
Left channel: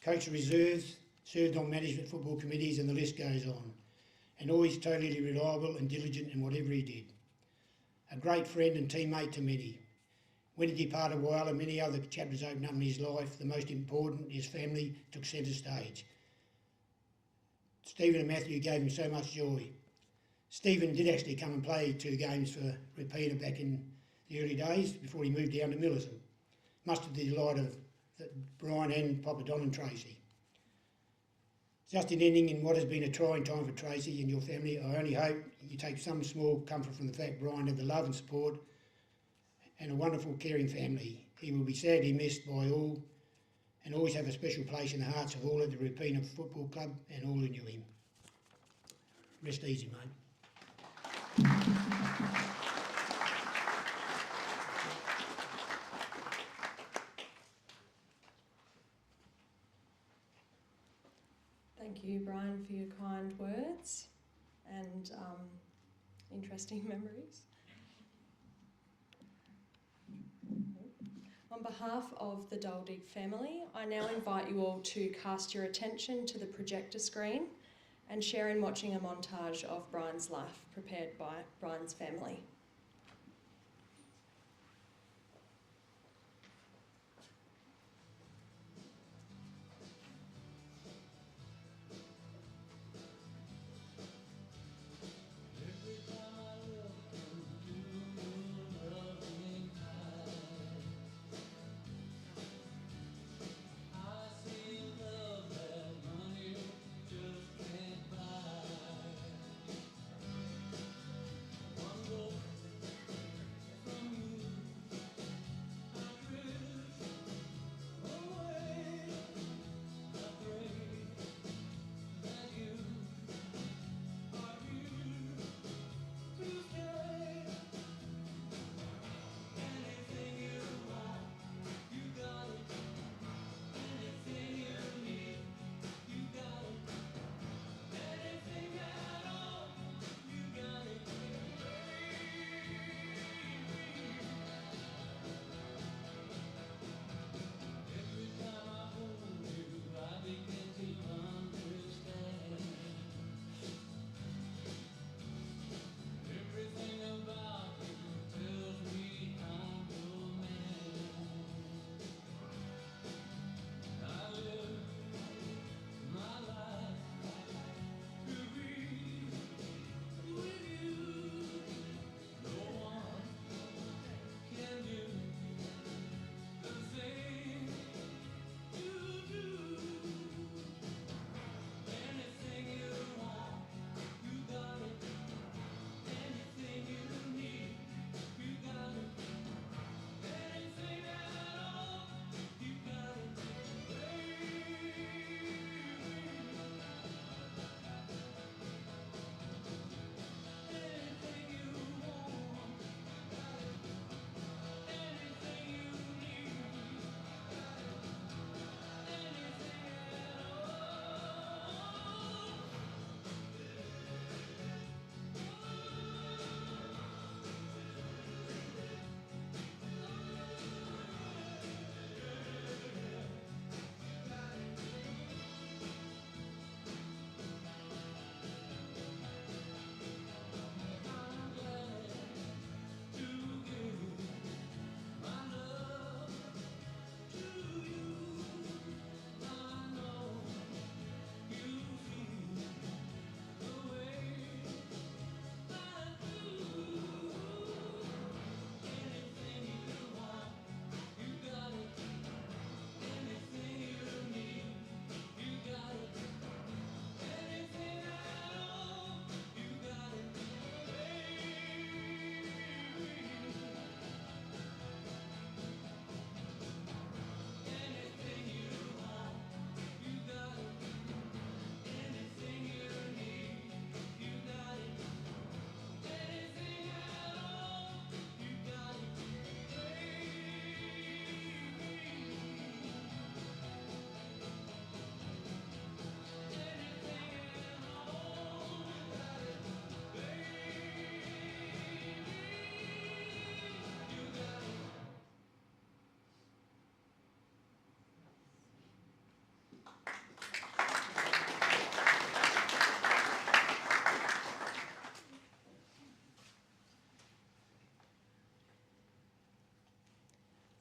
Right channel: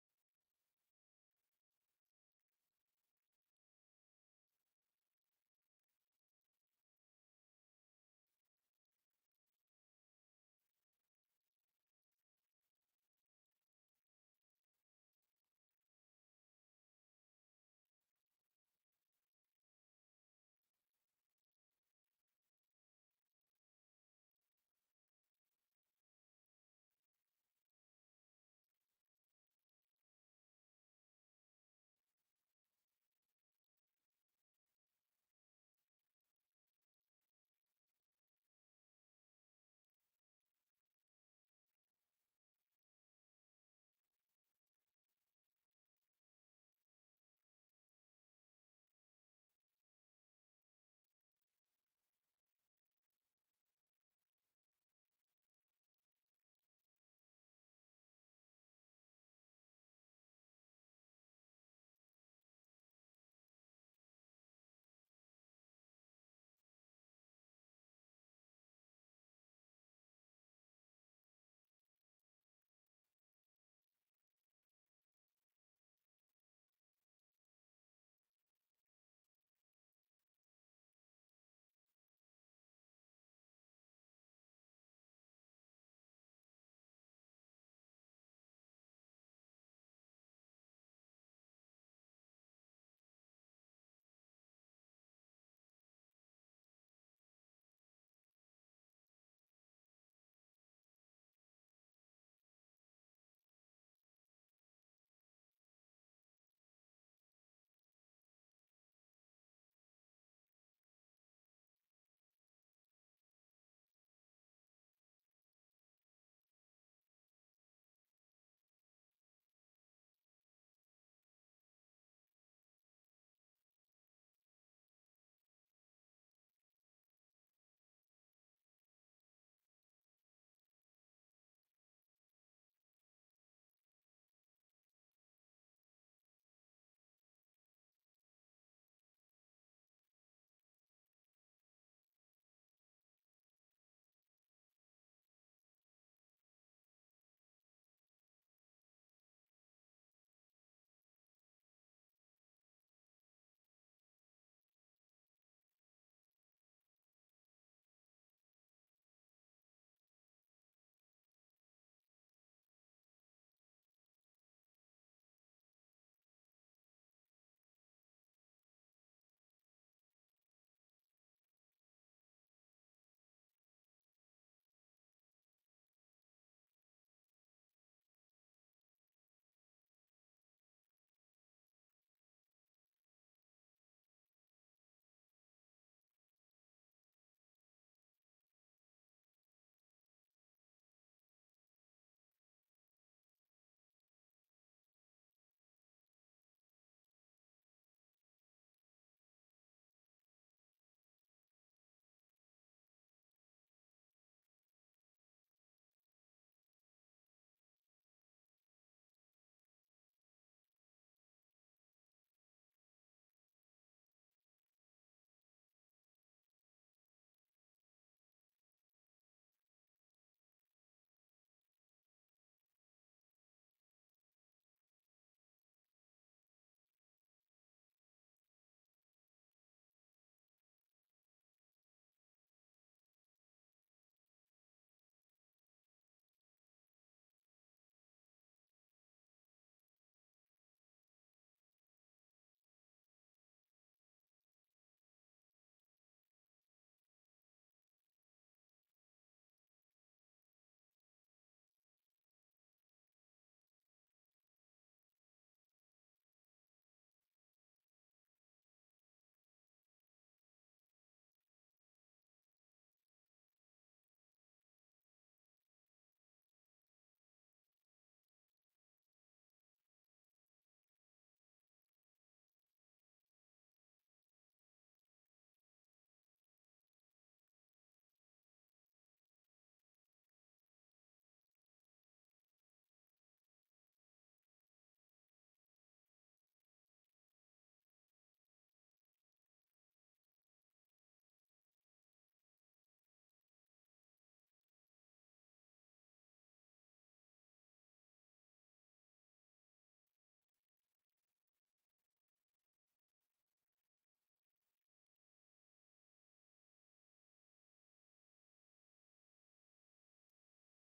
coached reserves, served on management football committees, and the list goes on. And always totally reliable and diligent in whatever he did. A great friend and teammate to many. When he departed while and many other chapters opened up in his life, the most important, his family, took centre stage. Stephen and Matthew gave him so much joy. Stephen did actually come and play 2 games for Rapina back in the early days before he moved down to Millicent, much to the delight of Brian and Papa Don and Tracy. Just in ending, in what has been a trying time for Tracy and your family, I only hope you take some small comfort from the fact Brian had the love and support and a wonderful, caring family. He will be sadly missed by all and always have a special place in the hearts of all at the Rapina Football Club and all who knew him. Rest easy, mate. Thank you, Brian, for your kind words and interesting memories. On behalf of the Duldig family, I now invite you all to cast your attention to the projector screen and share in watching a montage of Brian's life prepared by Brian's family.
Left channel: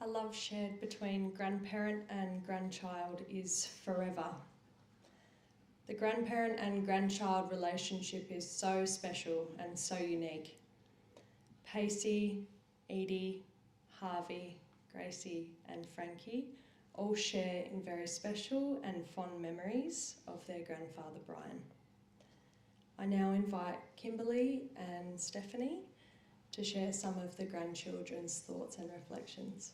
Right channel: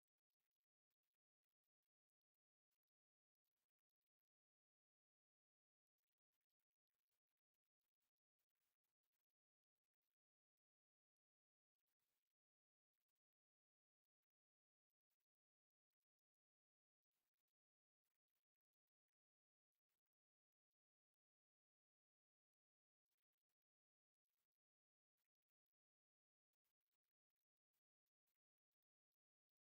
A love shared between grandparent and grandchild is forever. The grandparent and grandchild relationship is so special and so unique. Pacey, Edie, Harvey, Gracie and Frankie all share in very special and fond memories of their grandfather Brian. I now invite Kimberly and Stephanie to share some of the grandchildren's thoughts and reflections.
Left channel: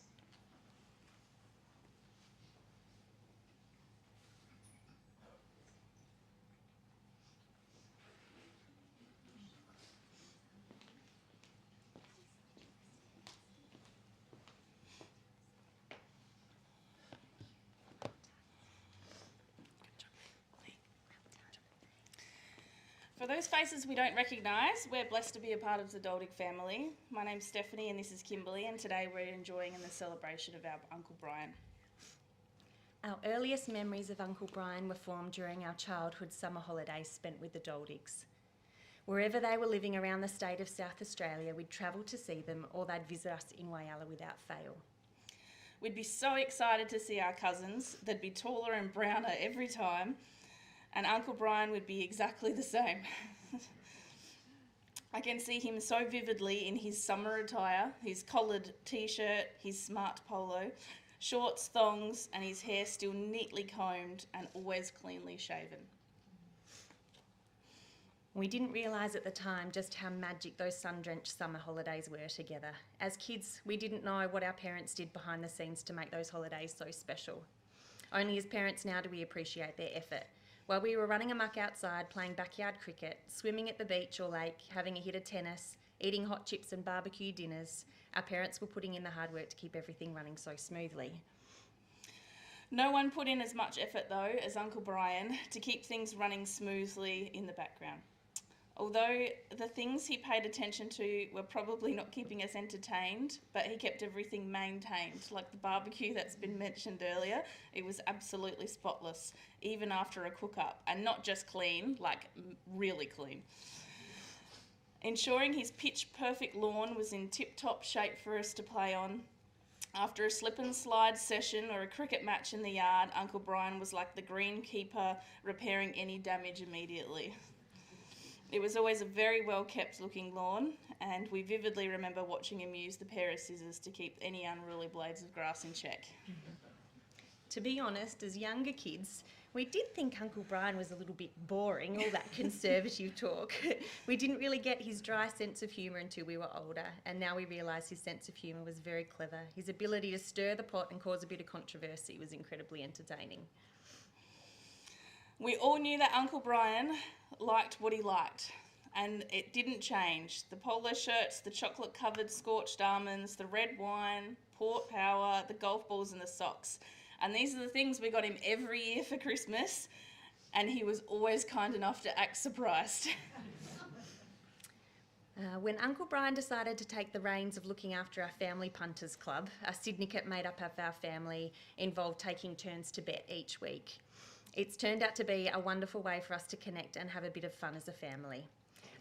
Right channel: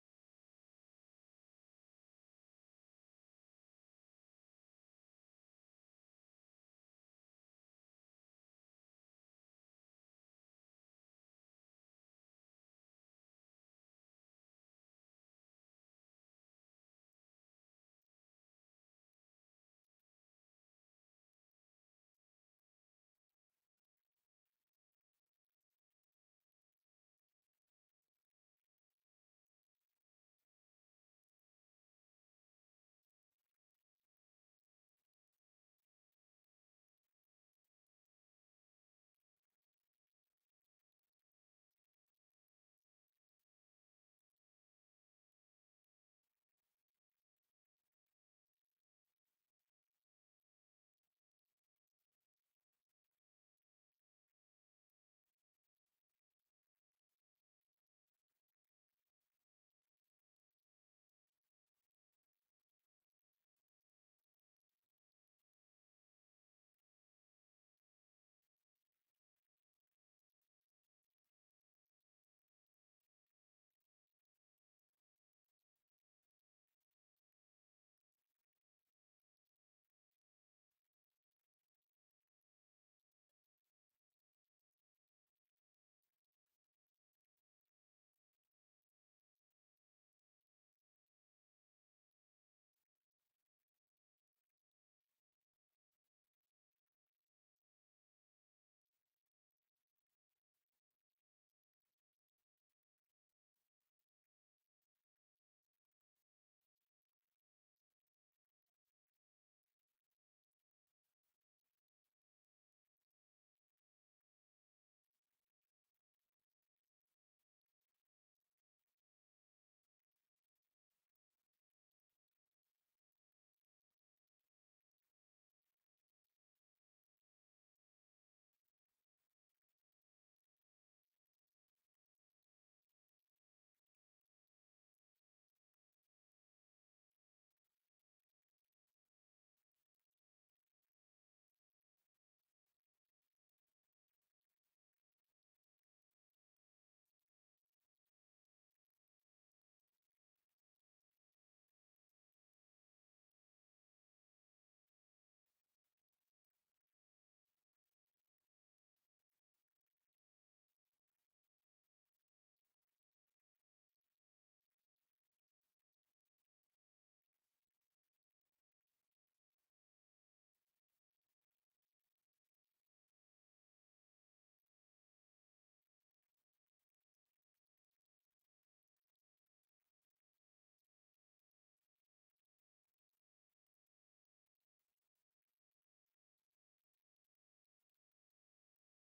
For those faces we don't recognise, we're blessed to be a part of the Duldig family. My name's Stephanie and this is Kimberly, and today we're enjoying in the celebration of our Uncle Brian. Our earliest memories of Uncle Brian were formed during our childhood summer holidays spent with the Duldigs. Wherever they were living around the state of South Australia, we'd travel to see them or they'd visit us in Whyalla without fail. We'd be so excited to see our cousins. They'd be taller and browner every time, and Uncle Brian would be exactly the same. I can see him so vividly in his summer attire, his collared t-shirt, his smart polo, shorts, thongs, and his hair still neatly combed and always cleanly shaven. We didn't realise at the time just how magic those sun-drenched summer holidays were together. As kids, we didn't know what our parents did behind the scenes to make those holidays so special. Only as parents now do we appreciate their effort. While we were running amok outside, playing backyard cricket, swimming at the beach or lake, having a hit of tennis, eating hot chips and barbecue dinners, our parents were putting in the hard work to keep everything running so smoothly. No one put in as much effort though as Uncle Brian to keep things running smoothly in the background. Although the things he paid attention to were probably not keeping us entertained, but he kept everything maintained. Like the barbecue that's been mentioned earlier, it was absolutely spotless, even after a cook-up, and not just clean, like really clean. Ensuring his pitch-perfect lawn was in tip-top shape for us to play on. After a slip and slide session or a cricket match in the yard, Uncle Brian was like the greenkeeper repairing any damage immediately. It was always a very well-kept looking lawn, and we vividly remember watching him use the pair of scissors to keep any unruly blades of grass in check. To be honest, as younger kids, we did think Uncle Brian was a little bit boring, all that conservative talk. We didn't really get his dry sense of humour until we were older, and now we realise his sense of humour was very clever. His ability to stir the pot and cause a bit of controversy was incredibly entertaining. We all knew that Uncle Brian liked what he liked, and it didn't change. The polo shirts, the chocolate-covered scorched almonds, the red wine, Port Power, the golf balls and the socks. And these are the things we got him every year for Christmas, and he was always kind enough to act surprised. When Uncle Brian decided to take the reins of looking after our family punters club, a syndicate made up of our family involved taking turns to bet each week. It's turned out to be a wonderful way for us to connect and have a bit of fun as a family.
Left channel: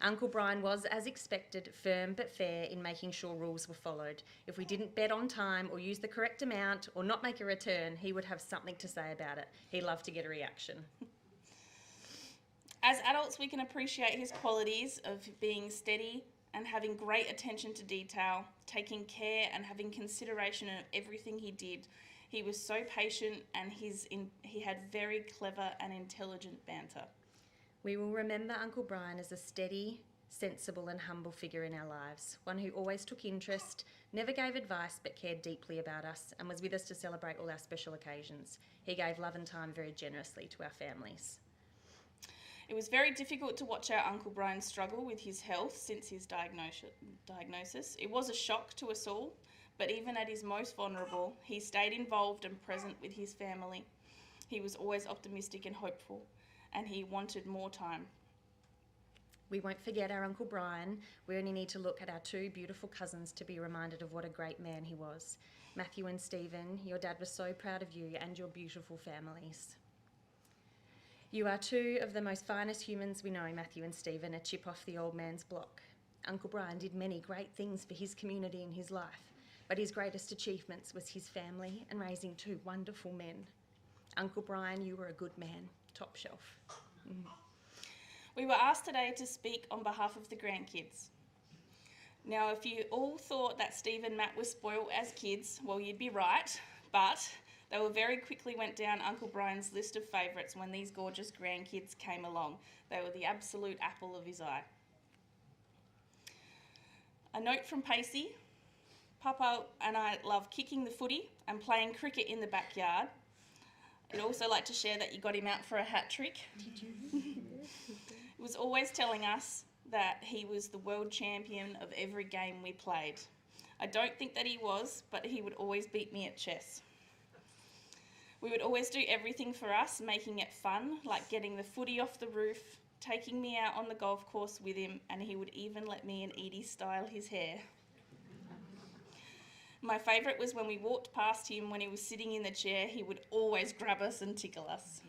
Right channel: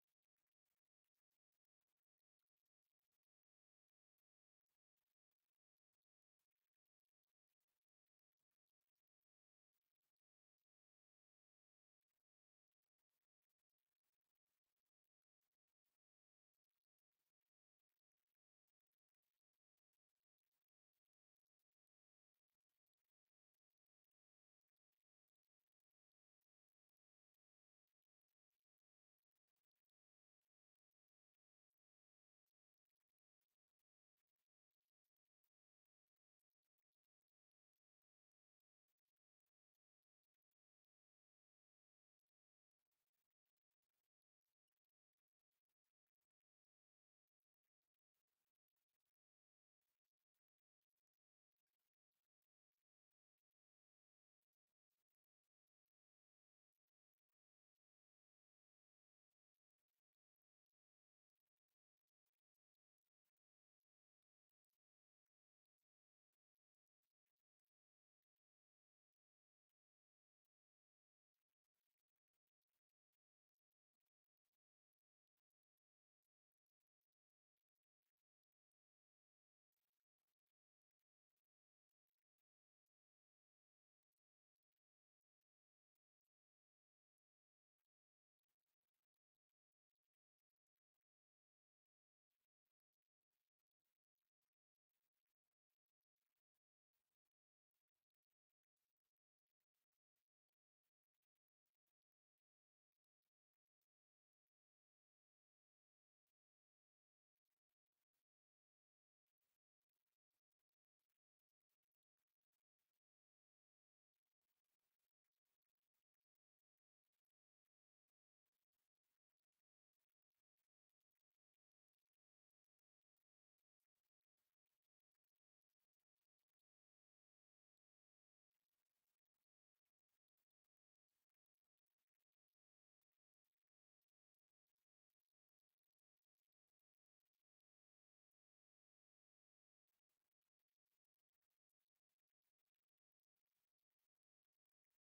Uncle Brian was, as expected, firm but fair in making sure rules were followed. If we didn't bet on time or use the correct amount or not make a return, he would have something to say about it. He loved to get a reaction. As adults, we can appreciate his qualities of being steady and having great attention to detail, taking care and having consideration of everything he did. He was so patient and he had very clever and intelligent banter. We will remember Uncle Brian as a steady, sensible and humble figure in our lives, one who always took interest, never gave advice but cared deeply about us and was with us to celebrate all our special occasions. He gave love and time very generously to our families. It was very difficult to watch our Uncle Brian struggle with his health since his diagnosis. It was a shock to us all, but even at his most vulnerable, he stayed involved and present with his family. He was always optimistic and hopeful, and he wanted more time. We won't forget our Uncle Brian. We only need to look at our two beautiful cousins to be reminded of what a great man he was. Matthew and Stephen, your dad was so proud of you and your beautiful families. You are two of the most finest humans we know, Matthew and Stephen, a chip off the old man's block. Uncle Brian did many great things for his community and his life, But his greatest achievements was his family and raising two wonderful men. Uncle Brian, you were a good man, top shelf. We were asked today to speak on behalf of the grandkids. Now, if you all thought that Steve and Matt were spoiled as kids, well, you'd be right, but they were very quickly went down Uncle Brian's list of favourites when these gorgeous grandkids came along. They were the absolute apple of his eye. A note from Pacey. Papa and I love kicking the footy and playing cricket in the backyard. I'd also like to share that you got him out for a hat trick. Did you? He was always telling us that he was the world champion of every game we played. I don't think that he was, but he would always beat me at chess. We would always do everything for us, making it fun, like getting the footy off the roof, taking me out on the golf course with him, and he would even let me and Edie style his hair. My favourite was when we walked past him when he was sitting in the chair, he would always grab us and tickle us.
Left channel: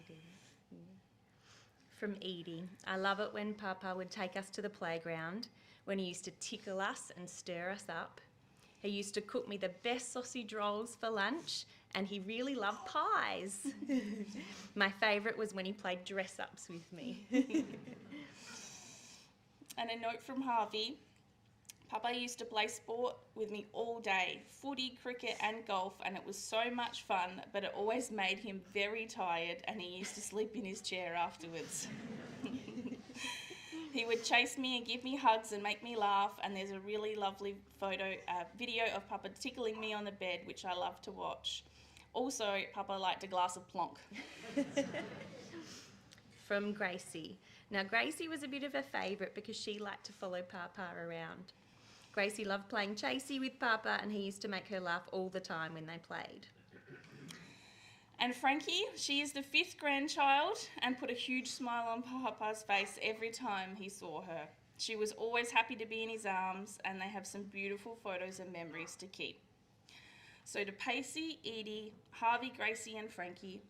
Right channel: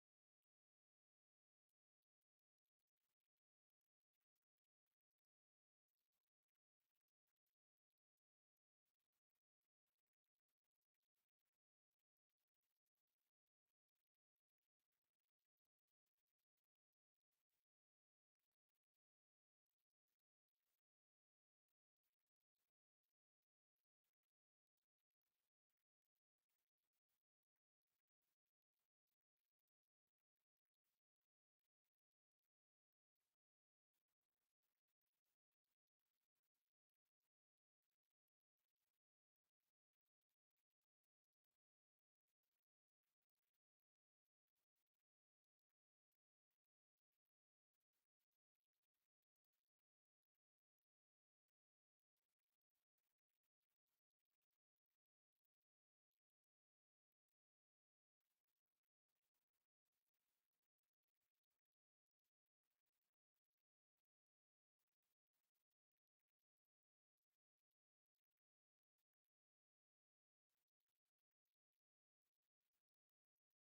From Edie. I love it when Papa would take us to the playground, when he used to tickle us and stir us up. He used to cook me the best sausage rolls for lunch, and he really loved pies. My favourite was when he played dress-ups with me. And a note from Harvey. Papa used to play sport with me all day, footy, cricket and golf, and it was so much fun, but it always made him very tired and he used to sleep in his chair afterwards. He would chase me and give me hugs and make me laugh, and there's a really lovely video of Papa tickling me on the bed, which I love to watch. Also, Papa liked a glass of plonk. From Gracie. Now, Gracie was a bit of a favourite because she liked to follow Papa around. Gracie loved playing chasey with Papa, and he used to make her laugh all the time when they played. And Frankie, she is the 5th grandchild and put a huge smile on Papa's face every time he saw her. She was always happy to be in his arms, and they have some beautiful photos and memories to keep. So to Pacey, Edie, Harvey, Gracie and Frankie,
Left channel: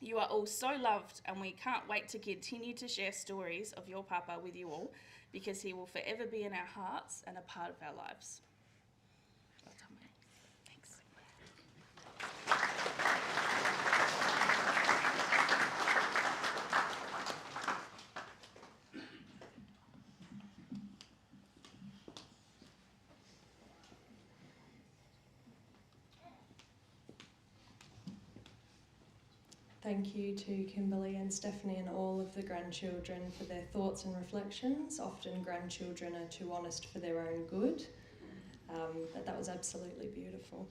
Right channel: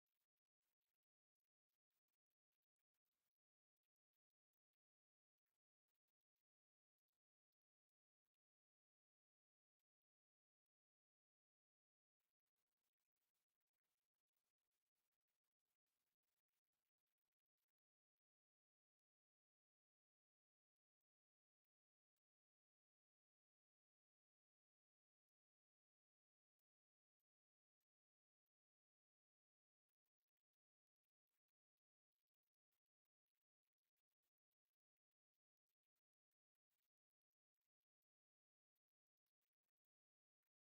you are all so loved, and we can't wait to continue to share stories of your Papa with you all, because he will forever be in our hearts and a part of our lives. Thanks. Thank you to Kimberly and Stephanie and all of the grandchildren for their thoughts and reflections. Often grandchildren are too honest for their own good, but that was absolutely beautiful.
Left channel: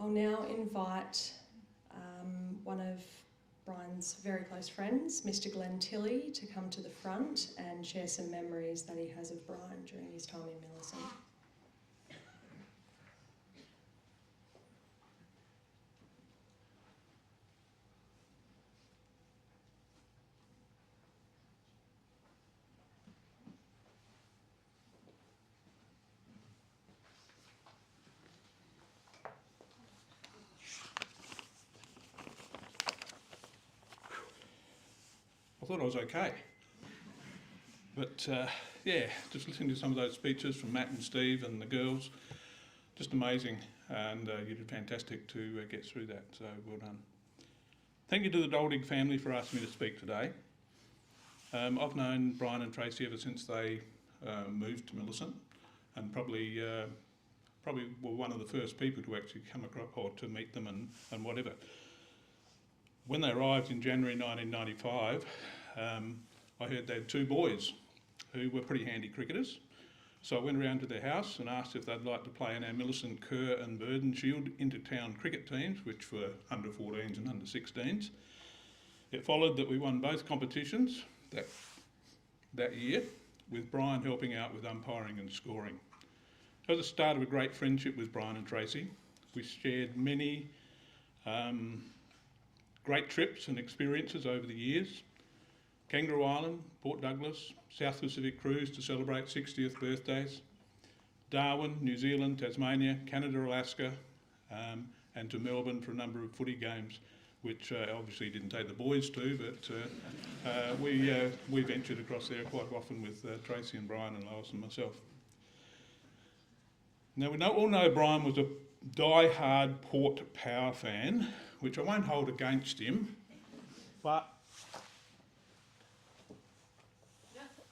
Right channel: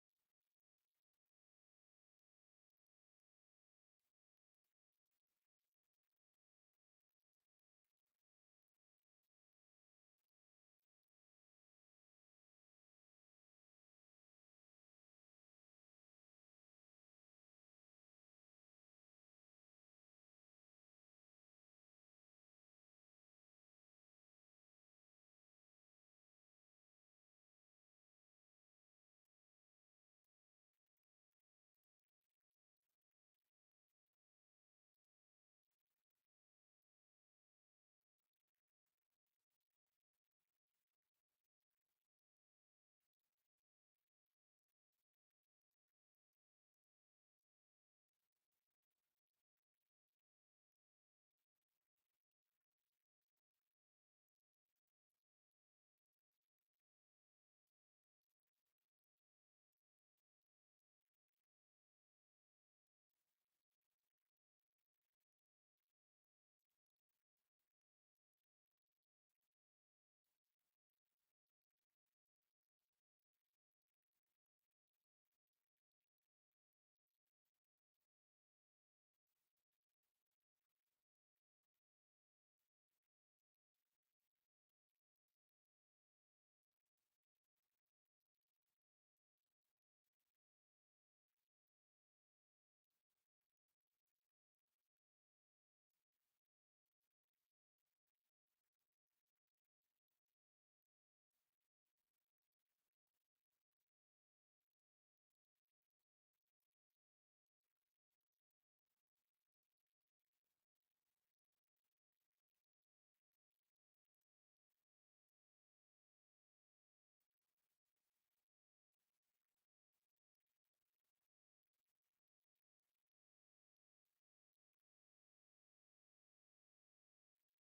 I'll now invite one of Brian's very close friends, Mr. Glenn Tilley, to come to the front and share some memories that he has of Brian during his time in Millicent. I thought I was okay. But yeah, just listening to some of those speeches from Matt and Steve and the girls, just amazing, and you did fantastic to get through that, so well done. Thank you to the Duldig family for asking me to speak today. I've known Brian and Tracy ever since they moved to Millicent, and probably were one of the first people to actually come across or to meet them and whatever. When they arrived in January 1995, I heard they had 2 boys who were pretty handy cricketers. So I went around to their house and asked if they'd like to play in our Millicent, Kerr and Burden Shield inter-town cricket teams, which were under 14s and under 16s. It followed that we won both competitions that year, with Brian helping out with umpiring and scoring. It was the start of a great friendship with Brian and Tracy. We shared many great trips and experiences over the years. Kangaroo Island, Port Douglas, South Pacific Cruise to celebrate 60th birthdays, Darwin, New Zealand, Tasmania, Canada, Alaska, and to Melbourne for a number of footy games, which obviously didn't take the boys to, but we ventured across there quite often with Tracy and Brian and Lois and myself. Now, we all know Brian was a die-hard Port Power fan, which I won't hold against him, but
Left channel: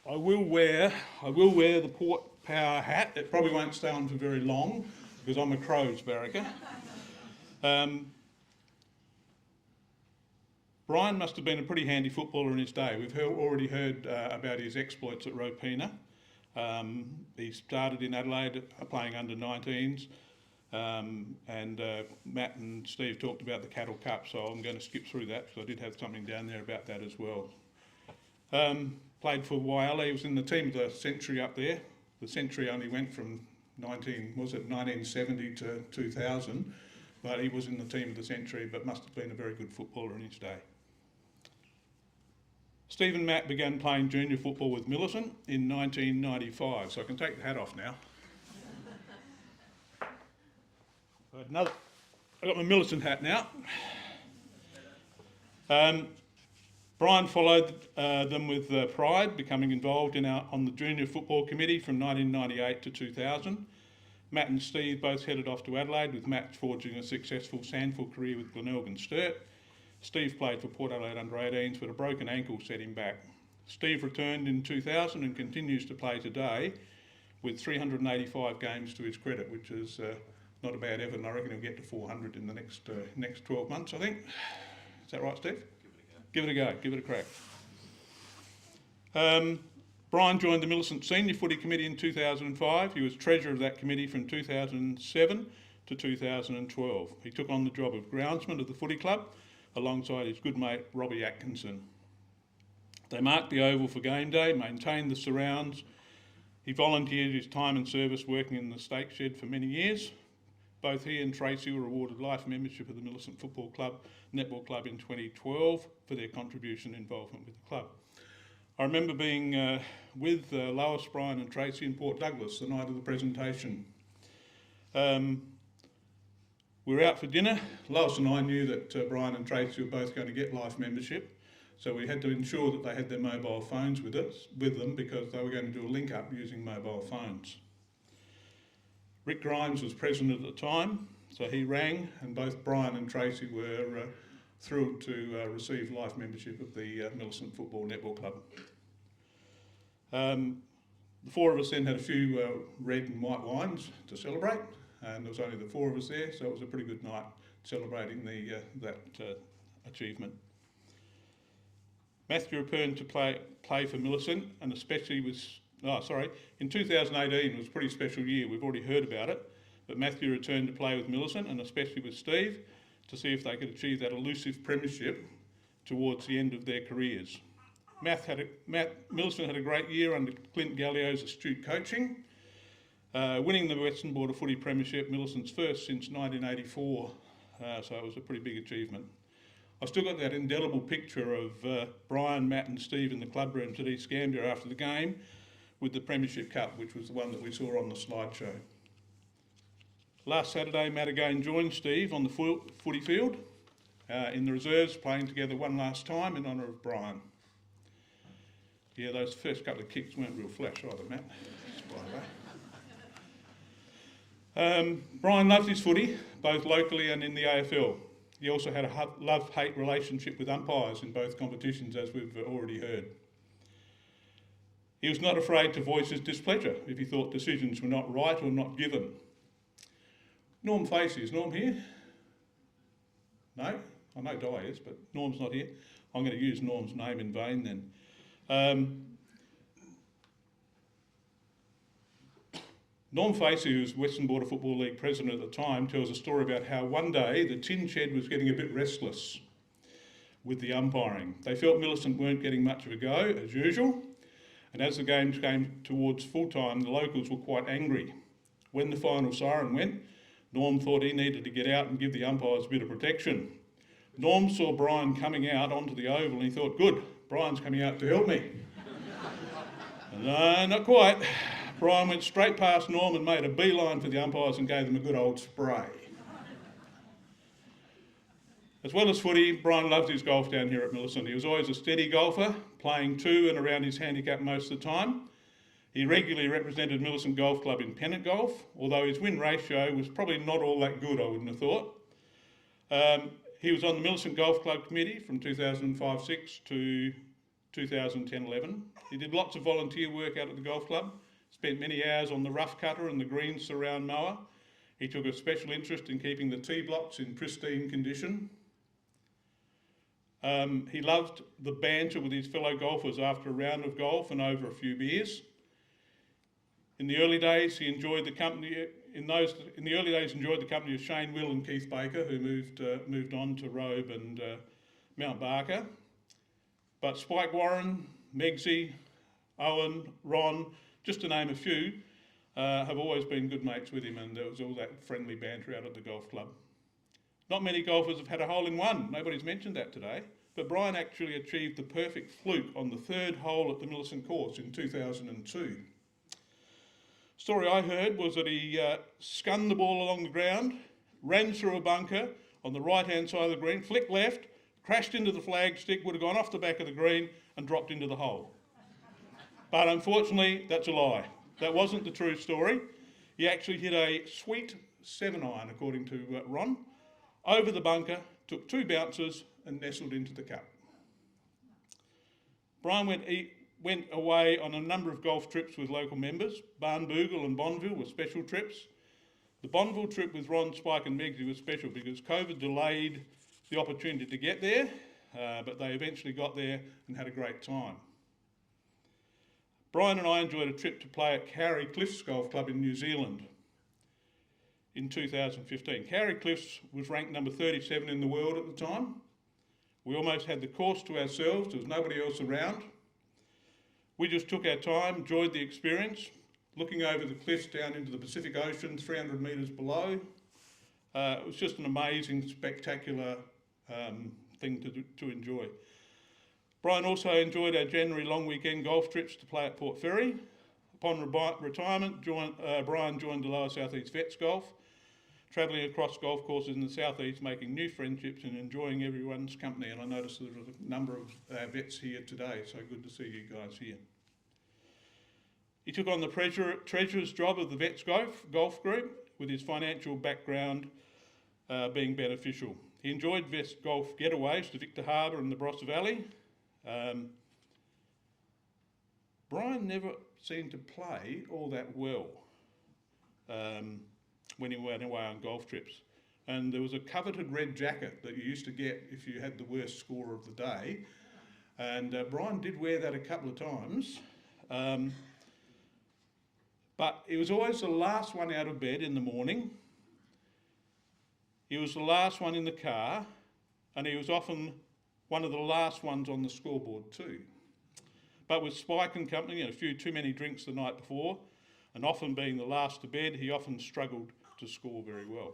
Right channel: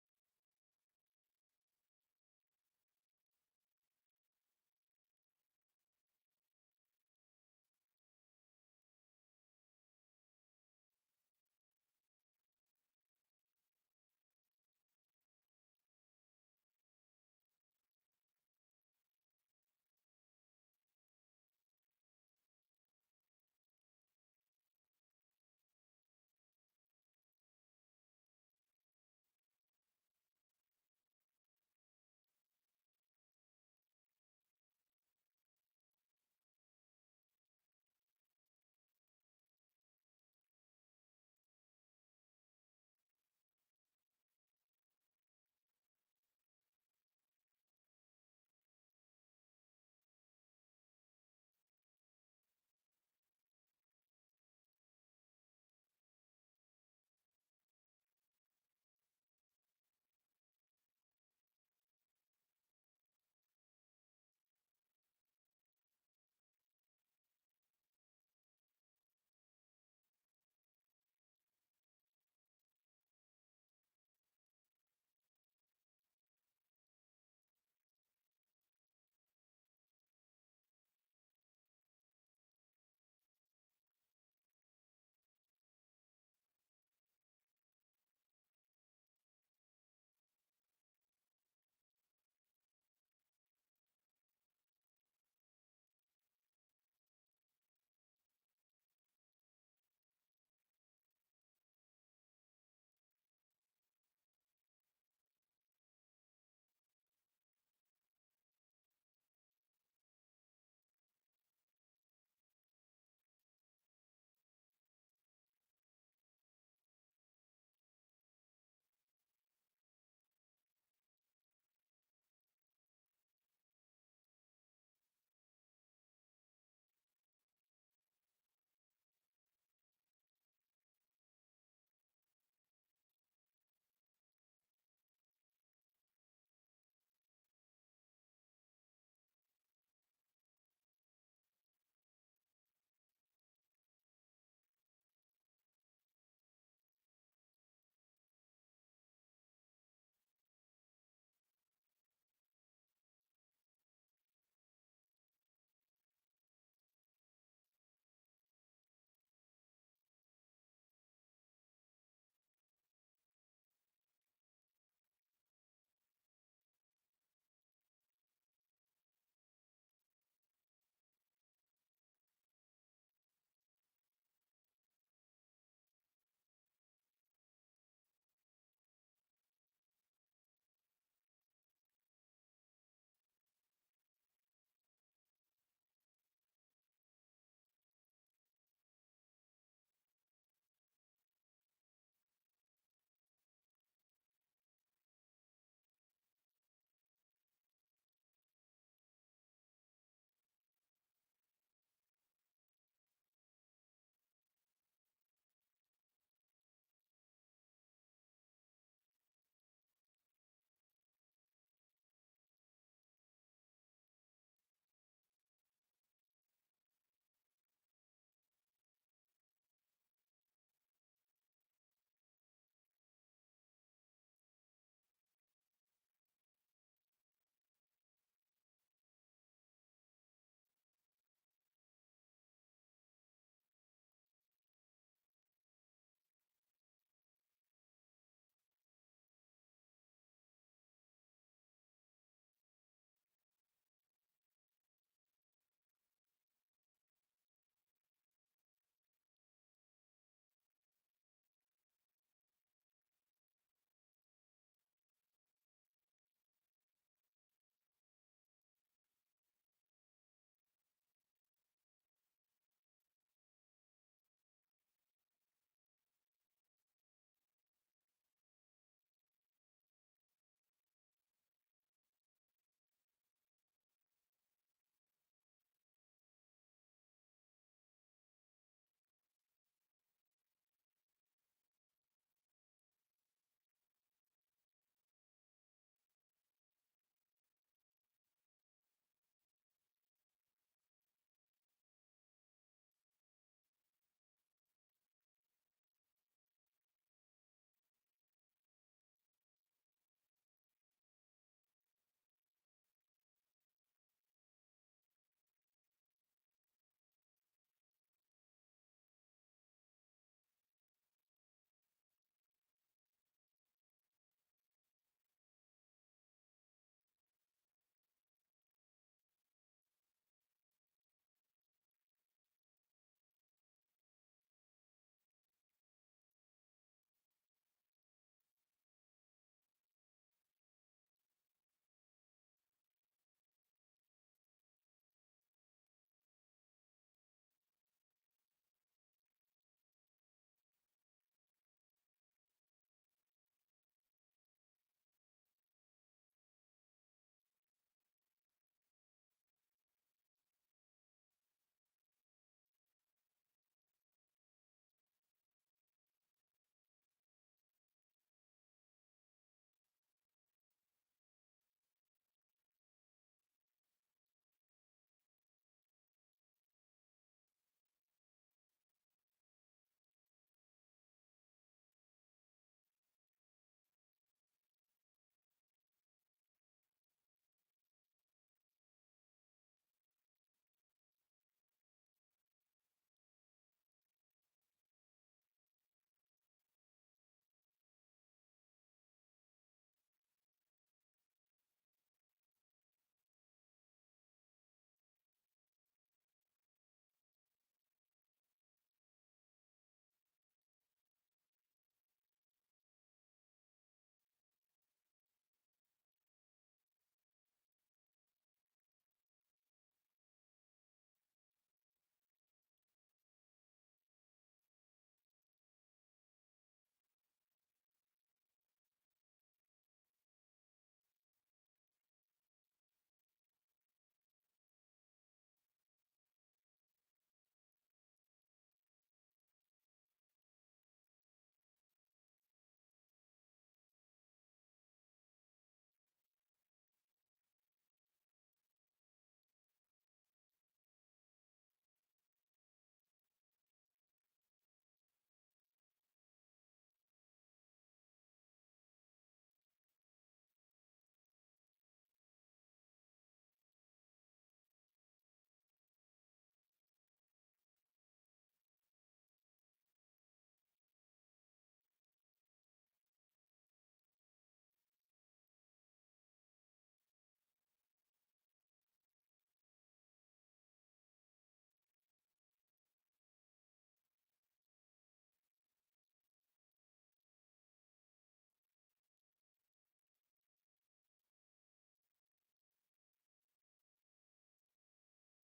I will wear the Port Power hat. It probably won't stay on for very long because I'm a Crows barracker. Brian must have been a pretty handy footballer in his day. We've already heard about his exploits at Ropina. He started in Adelaide playing under 19s, and Matt and Steve talked about the Cattle Cup, so I'm going to skip through that because I did have something down there about that as well. Played for Whyalla. He was in the team of the century up there. The century only went from 1970 to 2000, but he was in the team of the century, but must have been a very good footballer in his day. Steve and Matt began playing junior football with Millicent in 1995, so I can take the hat off now. I've got my Millicent hat now. Brian followed them with pride, becoming involved on the junior football committee from 1998 to 2000. Matt and Steve both headed off to Adelaide, with Matt forging a successful SANFL career with Glenelg Sturt. Steve played for Port Adelaide under-18s, but a broken ankle set him back. Steve returned in 2000 and continues to play today with 385 games to his credit, which is not a bad effort, and I reckon he'll get to 400 in the next 12 months, I think. Is that right, Steve? Give it a go, give it a crack. Brian joined the Millicent Senior Footy Committee in 2005. He was treasurer of that committee from 2007 to 2012. He took on the job of groundsman of the footy club alongside his good mate Robbie Atkinson. They marked the oval for game day, maintained the surrounds. He volunteered his time and service working in the stake shed for many years. Both he and Tracy were awarded life membership of the Millicent Football Club, Netball Club in 2012 for their contribution and involvement with the club. I remember being with Lois, Brian and Tracy in Port Douglas the night of the presentation. We were out for dinner. Lois and I knew that Brian and Tracy were both going to get life membership, so we had to ensure that they had their mobile phones with them because they were going to do a link up using mobile phones. Rick Grimes was president at the time, so he rang, and both Brian and Tracy were thrilled to receive life membership of the Millicent Football Netball Club. The four of us then had a few red and white wines to celebrate, and there was only the four of us there, so it was a pretty good night celebrating that achievement. Matthew returned to play for Millicent, and especially in 2018 it was a pretty special year. We've already heard about it, but Matthew returned to play with Millicent, and especially with Steve, to see if they could achieve that elusive premiership towards the end of their careers. Millicent had a great year under Clint Gallio's astute coaching, winning the Western Border Footy Premiership, Millicent's first since 1984, so it was a pretty big achievement. I've still got that indelible picture of Brian, Matt and Steve in the club rooms at East Gambia after the game with the Premiership Cup, which was the one that we saw on the slideshow. Last Saturday, Matt again joined Steve on the footy field in the reserves, playing together one last time in honour of Brian. Yeah, those first couple of kicks weren't real flash either, Matt. Brian loves his footy, both locally and in the AFL. He also had a love-hate relationship with umpires in both competitions, as we've already heard. He was not afraid to voice his displeasure if he thought decisions were not right or not given. Norm Facey, is Norm here? No? I know Di is, but Norm's not here. I'm going to use Norm's name in vain then. Norm Facey, who was Western Border Football League president at the time, tells a story about how one day the tin shed was getting a bit restless with the umpiring. They felt Millicent weren't getting much of a go, as usual, and as the games came towards full time, the locals were quite angry. When the final siren went, Norm thought he needed to get out and give the umpires a bit of protection. Norm saw Brian coming out onto the oval and he thought, good, Brian's coming out to help me. No, not quite. Brian went straight past Norm and made a beeline for the umpires and gave them a good old spray. As well as footy, Brian loved his golf down here at Millicent. He was always a steady golfer, playing to and around his handicap most of the time. He regularly represented Millicent Golf Club in pennant golf, although his win ratio was probably not all that good, I wouldn't have thought. He was on the Millicent Golf Club committee from 2005-06 to 2010-11. He did lots of volunteer work out at the golf club, spent many hours on the rough cutter and the green surround mower. He took a special interest in keeping the tee blocks in pristine condition. He loved the banter with his fellow golfers after a round of golf and over a few beers. In the early days, he enjoyed the company. Enjoyed the company of Shane Will and Keith Baker, who moved on to Robe and Mount Barker. But Spike Warren, Megsy, Owen, Ron, just to name a few, have always been good mates with him, and there was all that friendly banter out at the golf club. Not many golfers have had a hole-in-one. Nobody's mentioned that today. But Brian actually achieved the perfect fluke on the third hole at the Millicent course in 2002. Story I heard was that he scunned the ball along the ground, ran through a bunker on the right-hand side of the green, flicked left, crashed into the flagstick, would have gone off the back of the green and dropped into the hole. But unfortunately, that's a lie. That wasn't the true story. He actually hit a sweet 7-iron, according to Ron, over the bunker, took 2 bounces and nestled into the cup. Brian went away on a number of golf trips with local members. Barnbougle and Bonville were special trips. The Bonville trip with Ron, Spike and Megsy was special because COVID delayed the opportunity to get there, but they eventually got there and had a great time. Brian and I enjoyed a trip to play at Cowrie Cliffs Golf Club in New Zealand in 2015. Cowrie Cliffs was ranked number 37 in the world at the time. We almost had the course to ourselves. There was nobody else around. We just took our time, enjoyed the experience, looking over the cliffs down into the Pacific Ocean, 300 metres below. It was just an amazing, spectacular thing to enjoy. Brian also enjoyed our January long weekend golf trips to play at Port Fairy. Upon retirement, Brian joined the Lower South East Vets Golf, travelling across golf courses in the South East, making new friendships and enjoying everyone's company. And I noticed there was a number of vets here today, so good to see you guys here. He took on the treasurer's job of the Vets Golf Group, with his financial background being beneficial. He enjoyed Vets Golf getaways to Victor Harbour and the Barossa Valley. Brian never seemed to play all that well when he went away on golf trips. And there was a coveted red jacket that you used to get if you had the worst score of the day. And Brian did wear that a couple of times. But he was always the last one out of bed in the morning. He was the last one in the car, and he was often one of the last ones on the scoreboard too. But with Spike and company and a few too many drinks the night before, and often being the last to bed, he often struggled to score very well.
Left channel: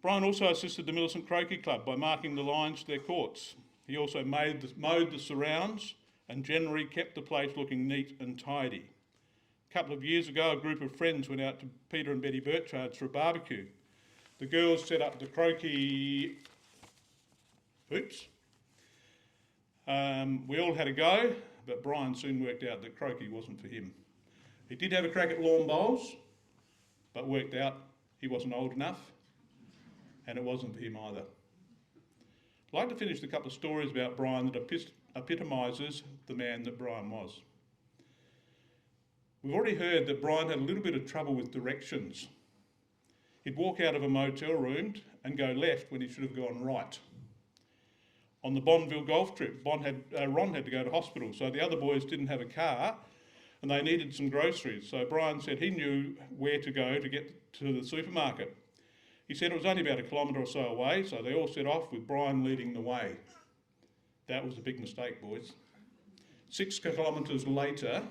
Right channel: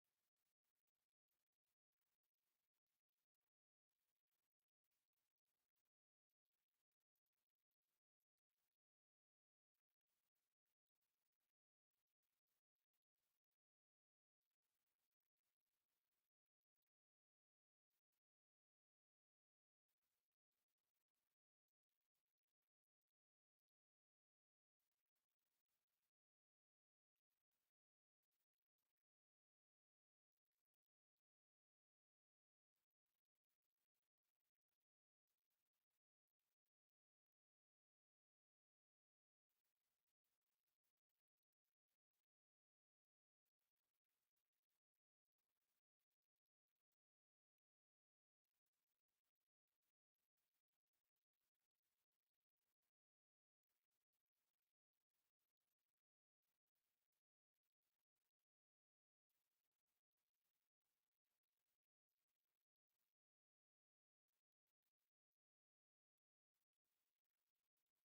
Brian also assisted the Millicent Croquet Club by marking the lines to their courts. He also mowed the surrounds and generally kept the place looking neat and tidy. A couple of years ago, a group of friends went out to Peter and Betty Burchard's for a barbecue. The girls set up the croquet hoops. We all had a go, but Brian soon worked out that croquet wasn't for him. He did have a crack at lawn bowls, but worked out he wasn't old enough, and it wasn't for him either. I'd like to finish with a couple of stories about Brian that epitomises the man that Brian was. We've already heard that Brian had a little bit of trouble with directions. He'd walk out of a motel room and go left when he should have gone right. On the Bonville golf trip, Ron had to go to hospital, so the other boys didn't have a car and they needed some groceries. So Brian said he knew where to go to get to the supermarket. He said it was only about 1 kilometre or so away, so they all set off with Brian leading the way. That was a big mistake, boys. 6 kilometres later,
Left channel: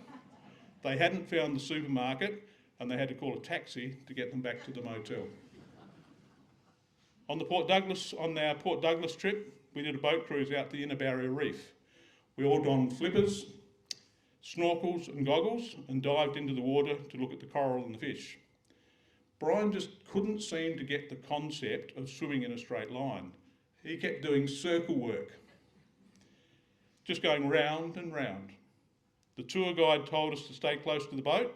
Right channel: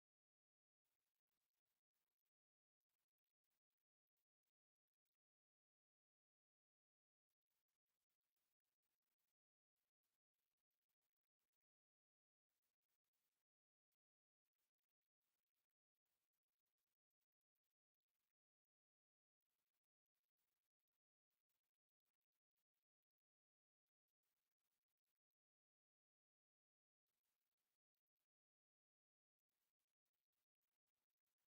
they hadn't found the supermarket and they had to call a taxi to get them back to the motel. On our Port Douglas trip, we did a boat cruise out the Inner Barrier Reef. We all donned flippers, snorkels and goggles and dived into the water to look at the coral and the fish. Brian just couldn't seem to get the concept of swimming in a straight line. He kept doing circle work, just going round and round. The tour guide told us to stay close to the boat.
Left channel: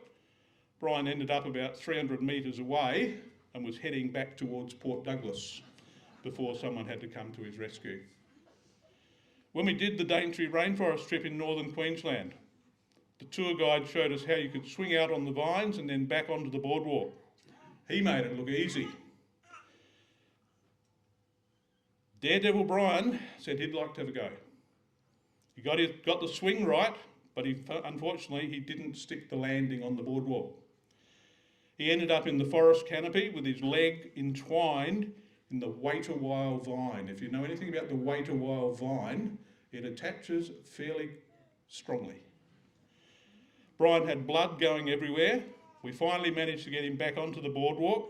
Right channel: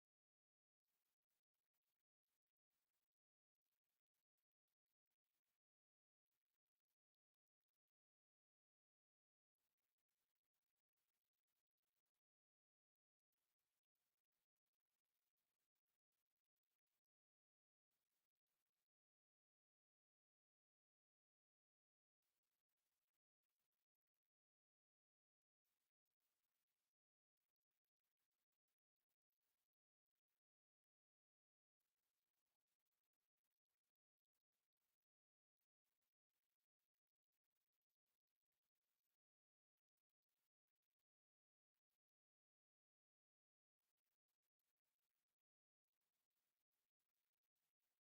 Brian ended up about 300 metres away and was heading back towards Port Douglas before someone had to come to his rescue. When we did the Daintree Rainforest trip in northern Queensland, the tour guide showed us how you could swing out on the vines and then back onto the boardwalk. He made it look easy. Daredevil Brian said he'd like to have a go. He got the swing right, but unfortunately he didn't stick the landing on the boardwalk. He ended up in the forest canopy with his leg entwined in the wait-a-while vine. If you know anything about the wait-a-while vine, it attaches fairly strongly. Brian had blood going everywhere. We finally managed to get him back onto the boardwalk.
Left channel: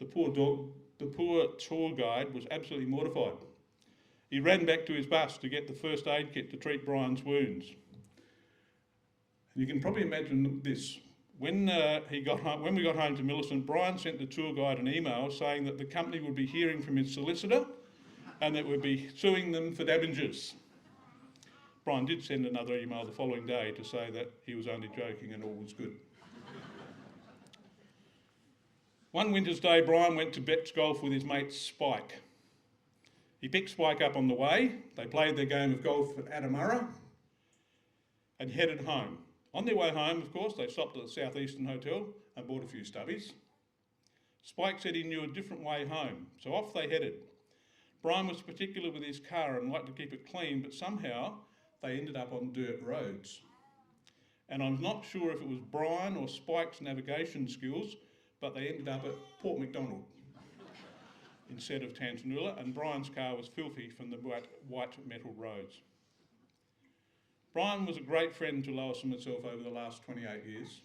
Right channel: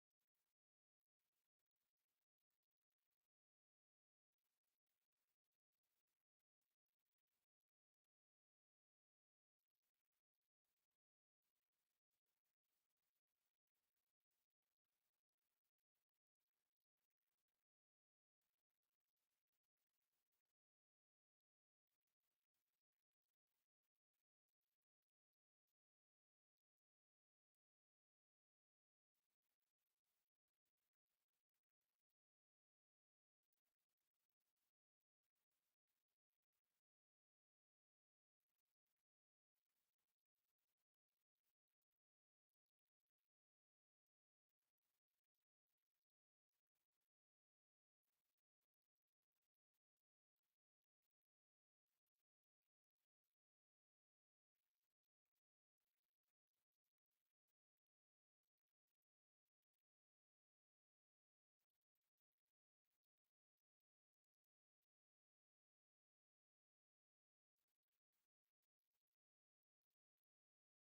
The poor tour guide was absolutely mortified. He ran back to his bus to get the first aid kit to treat Brian's wounds. And you can probably imagine this. When we got home to Millicent, Brian sent the tour guide an email saying that the company would be hearing from his solicitor and that we'd be suing them for damages. Brian did send another email the following day to say that he was only joking and all was good. One winter's day, Brian went to beach golf with his mate Spike. He picked Spike up on the way. They played their game of golf at Adamurra and headed home. On their way home, of course, they stopped at the Southeastern Hotel and bought a few stubbies. Spike said he knew a different way home, so off they headed. Brian was particular with his car and liked to keep it clean, but somehow they ended up on dirt roads. And I'm not sure if it was Brian or Spike's navigation skills, but they ended up at Port Macdonald instead of Tantanoola, and Brian's car was filthy from the white metal roads. Brian was a great friend to Lois and myself over the last 28 years.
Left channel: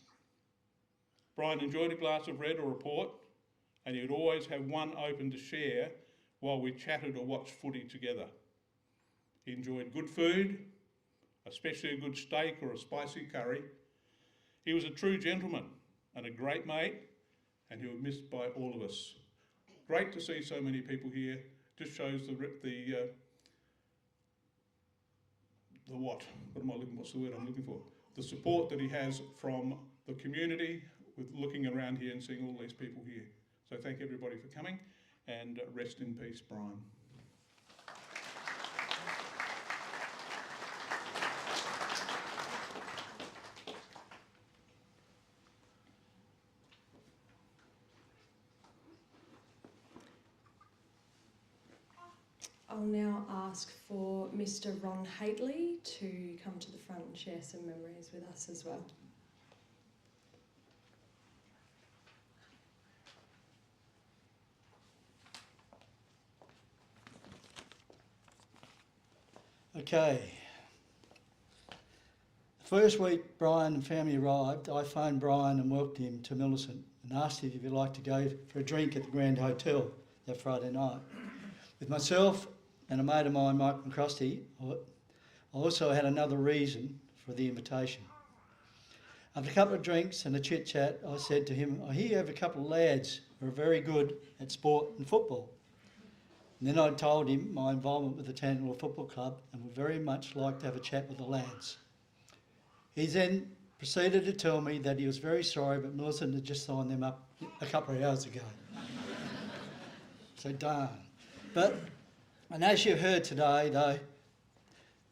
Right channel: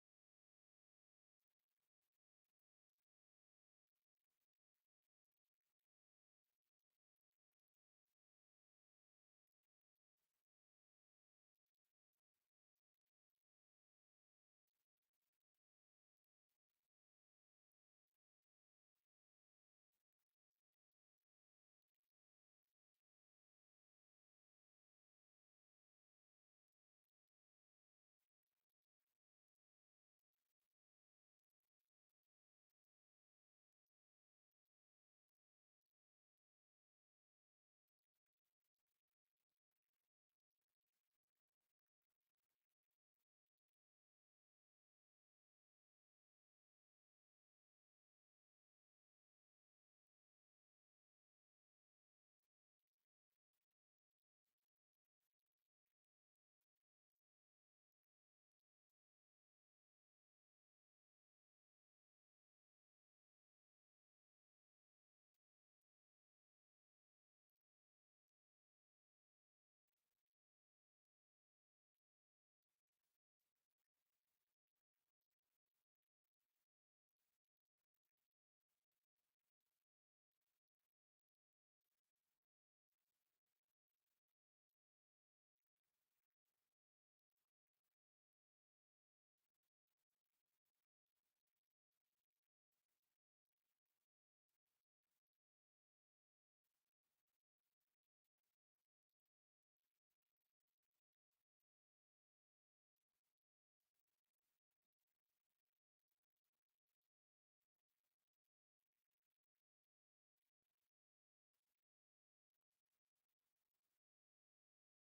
Brian enjoyed a glass of red or a port, and he would always have one open to share while we chatted or watched footy together. He enjoyed good food, especially a good steak or a spicy curry. He was a true gentleman and a great mate, and he was missed by all of us. Great to see so many people here. Just shows what's the word I'm looking for? The support that he has from the community with looking around here and seeing all these people here. So thank everybody for coming, and rest in peace, Brian. I'll now ask for Mr. Ron Haitley to come to the front and share some memories with us as well. Okay. The first week Brian and family arrived, I phoned Brian and welcomed him to Millicent and asked if he'd like to go for a drink at the Grand Hotel that Friday night. With myself and a mate of mine, Mike McCrosty, I also had another reason for the invitation. After a couple of drinks and a chit-chat, I said to him, I hear you have a couple of lads who are very good at sport and football. And then I told him my involvement with the Tantanoola Football Club and would very much like to have a chat with the lads. He then proceeded to tell me that he was very sorry, but Millicent had just signed them up a couple of hours ago. So darn. And as you heard today, though,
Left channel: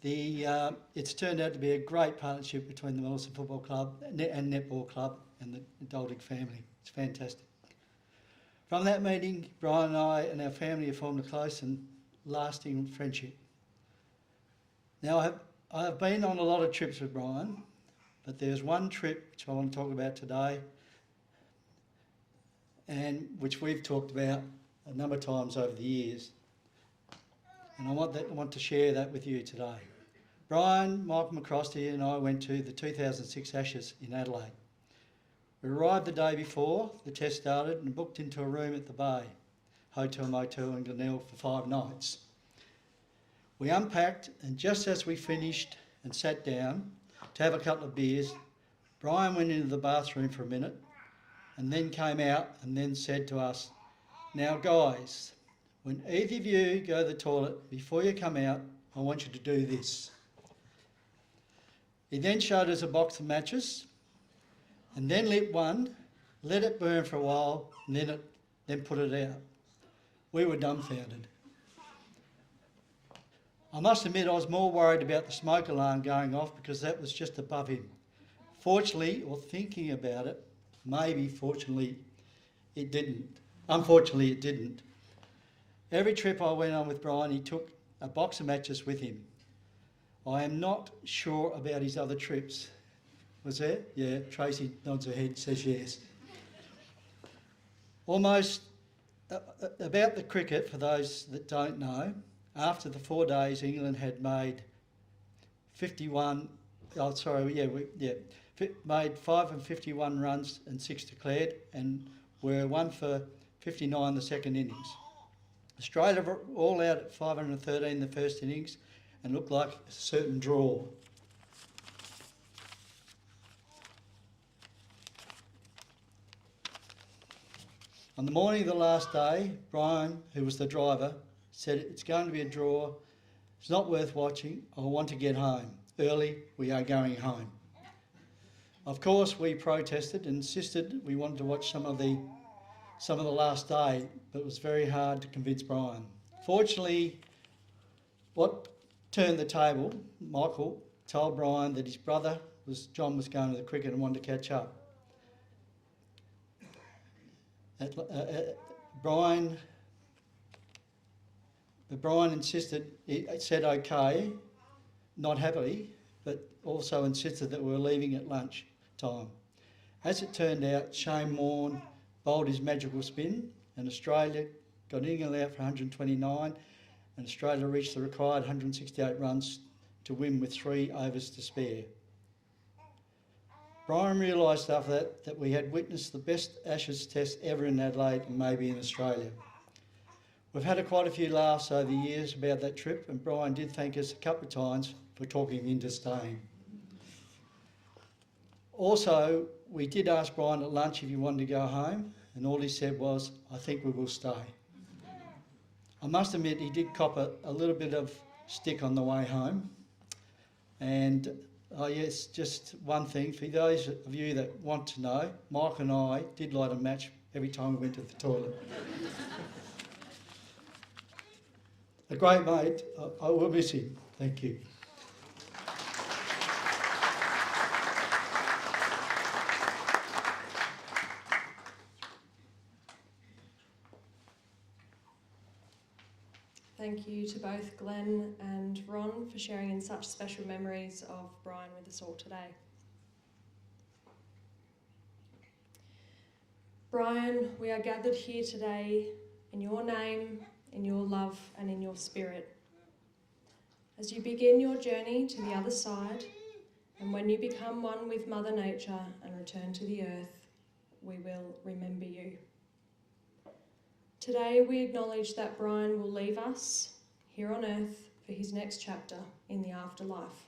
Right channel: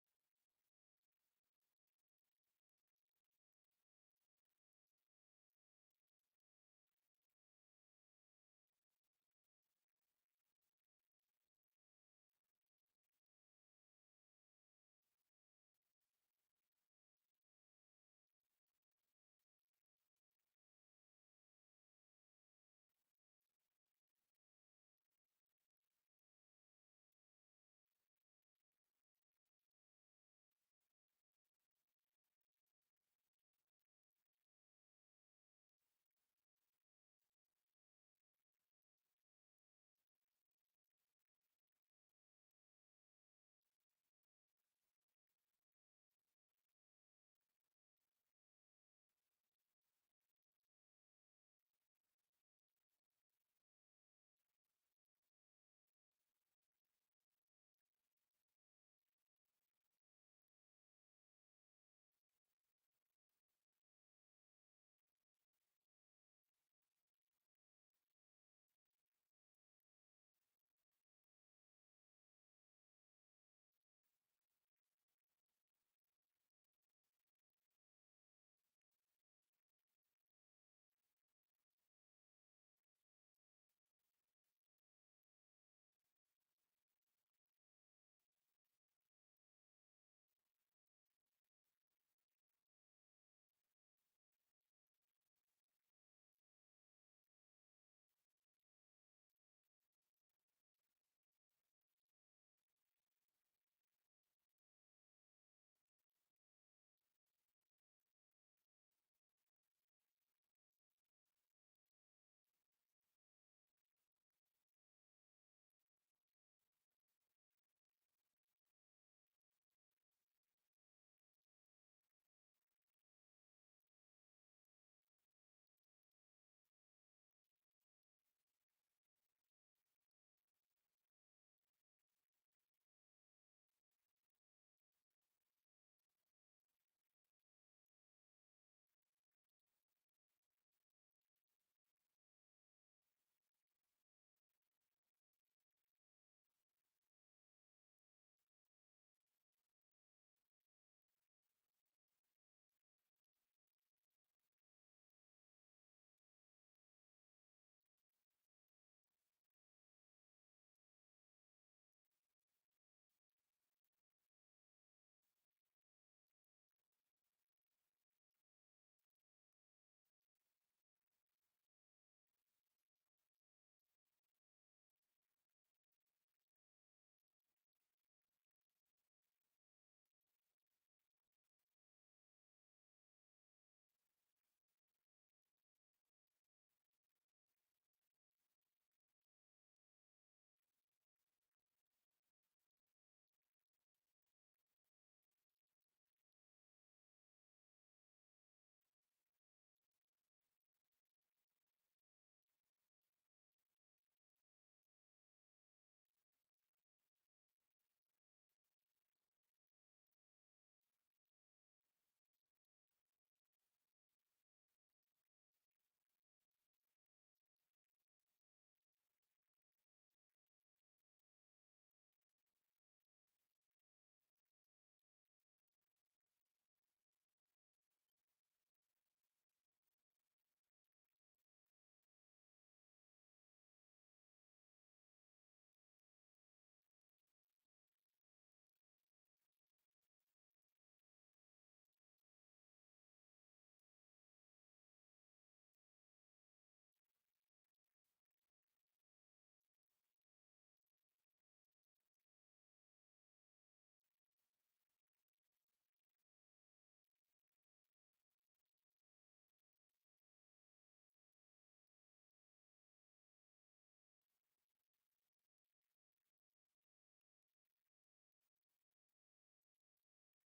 it's turned out to be a great partnership between the Millicent Football Club and Netball Club and the Duldig family. It's fantastic. From that meeting, Brian and I and our family have formed a close and lasting friendship. Now, I have been on a lot of trips with Brian, but there's one trip which I want to talk about today, and which we've talked about a number of times over the years. And I want to share that with you today. Brian, Michael McCrosty and I went to the 2006 Ashes in Adelaide. We arrived the day before the test started and booked into a room at the Bay, Hotel Motel in Glenelg for 5 nights. We unpacked, and just as we finished and sat down to have a couple of beers, Brian went into the bathroom for a minute and then came out and then said to us, "Now guys, when either of you go to the toilet, before you come out, I want you to do this." He then showed us a box of matches and then lit one, let it burn for a while, and then put it out. We were dumbfounded. I must admit I was more worried about the smoke alarm going off because that was just above him. Fortunately, or thinking about it, maybe fortunately it didn't. Unfortunately it didn't. Every trip I went on with Brian, he took a box of matches with him. I am not sure about his other trips. Was there? Yeah, Tracy nods her head, says yes. Almost about the cricket, for those that don't know, after the 4 days England had made made 5 and 51 runs and 6 declared and were 1 for 59 the second innings. Australia were all out at 513 the first innings and looked like a certain draw. On the morning of the last day, Brian, who was the driver, said, "It's going to be a draw. It's not worth watching. I want to get home. Early, we are going home." Of course, we protested and insisted we wanted to watch some of the last day, but it was very hard to convince Brian. Fortunately, what turned the table, Michael told Brian that his brother, John, was going to the cricket and wanted to catch up. Brian insisted, he said okay, not happily, but also insisted that we were leaving at lunch time. As it turned out, Shane Warne bowled his magical spin and Australia got England out for 129 and Australia reached the required 168 runs to win with 3 overs to spare. Brian realised after that we had witnessed the best Ashes test ever in Adelaide and maybe in Australia. We've had quite a few laughs over the years about that trip and Brian did thank us a couple of times for talking him into staying. Also, we did ask Brian at lunch if he wanted to go home and all he said was, "I think we will stay." I must admit he did cop a little bit of stick on the way home. And yes, just one thing, for those of you that want to know, Mike and I did light a match every time we went to the toilet. A great mate, I will miss him. Thank you. Thank you to both Glenn and Ron for sharing in such special memories of Brian with us all today. Brian, we are gathered here today in your name, in your love and in your spirit. As you begin your journey to the other side, and when you become one with Mother Nature and return to the earth, we will remember you. Today we acknowledge that Brian will leave us here on earth for his next chapter in the afterlife.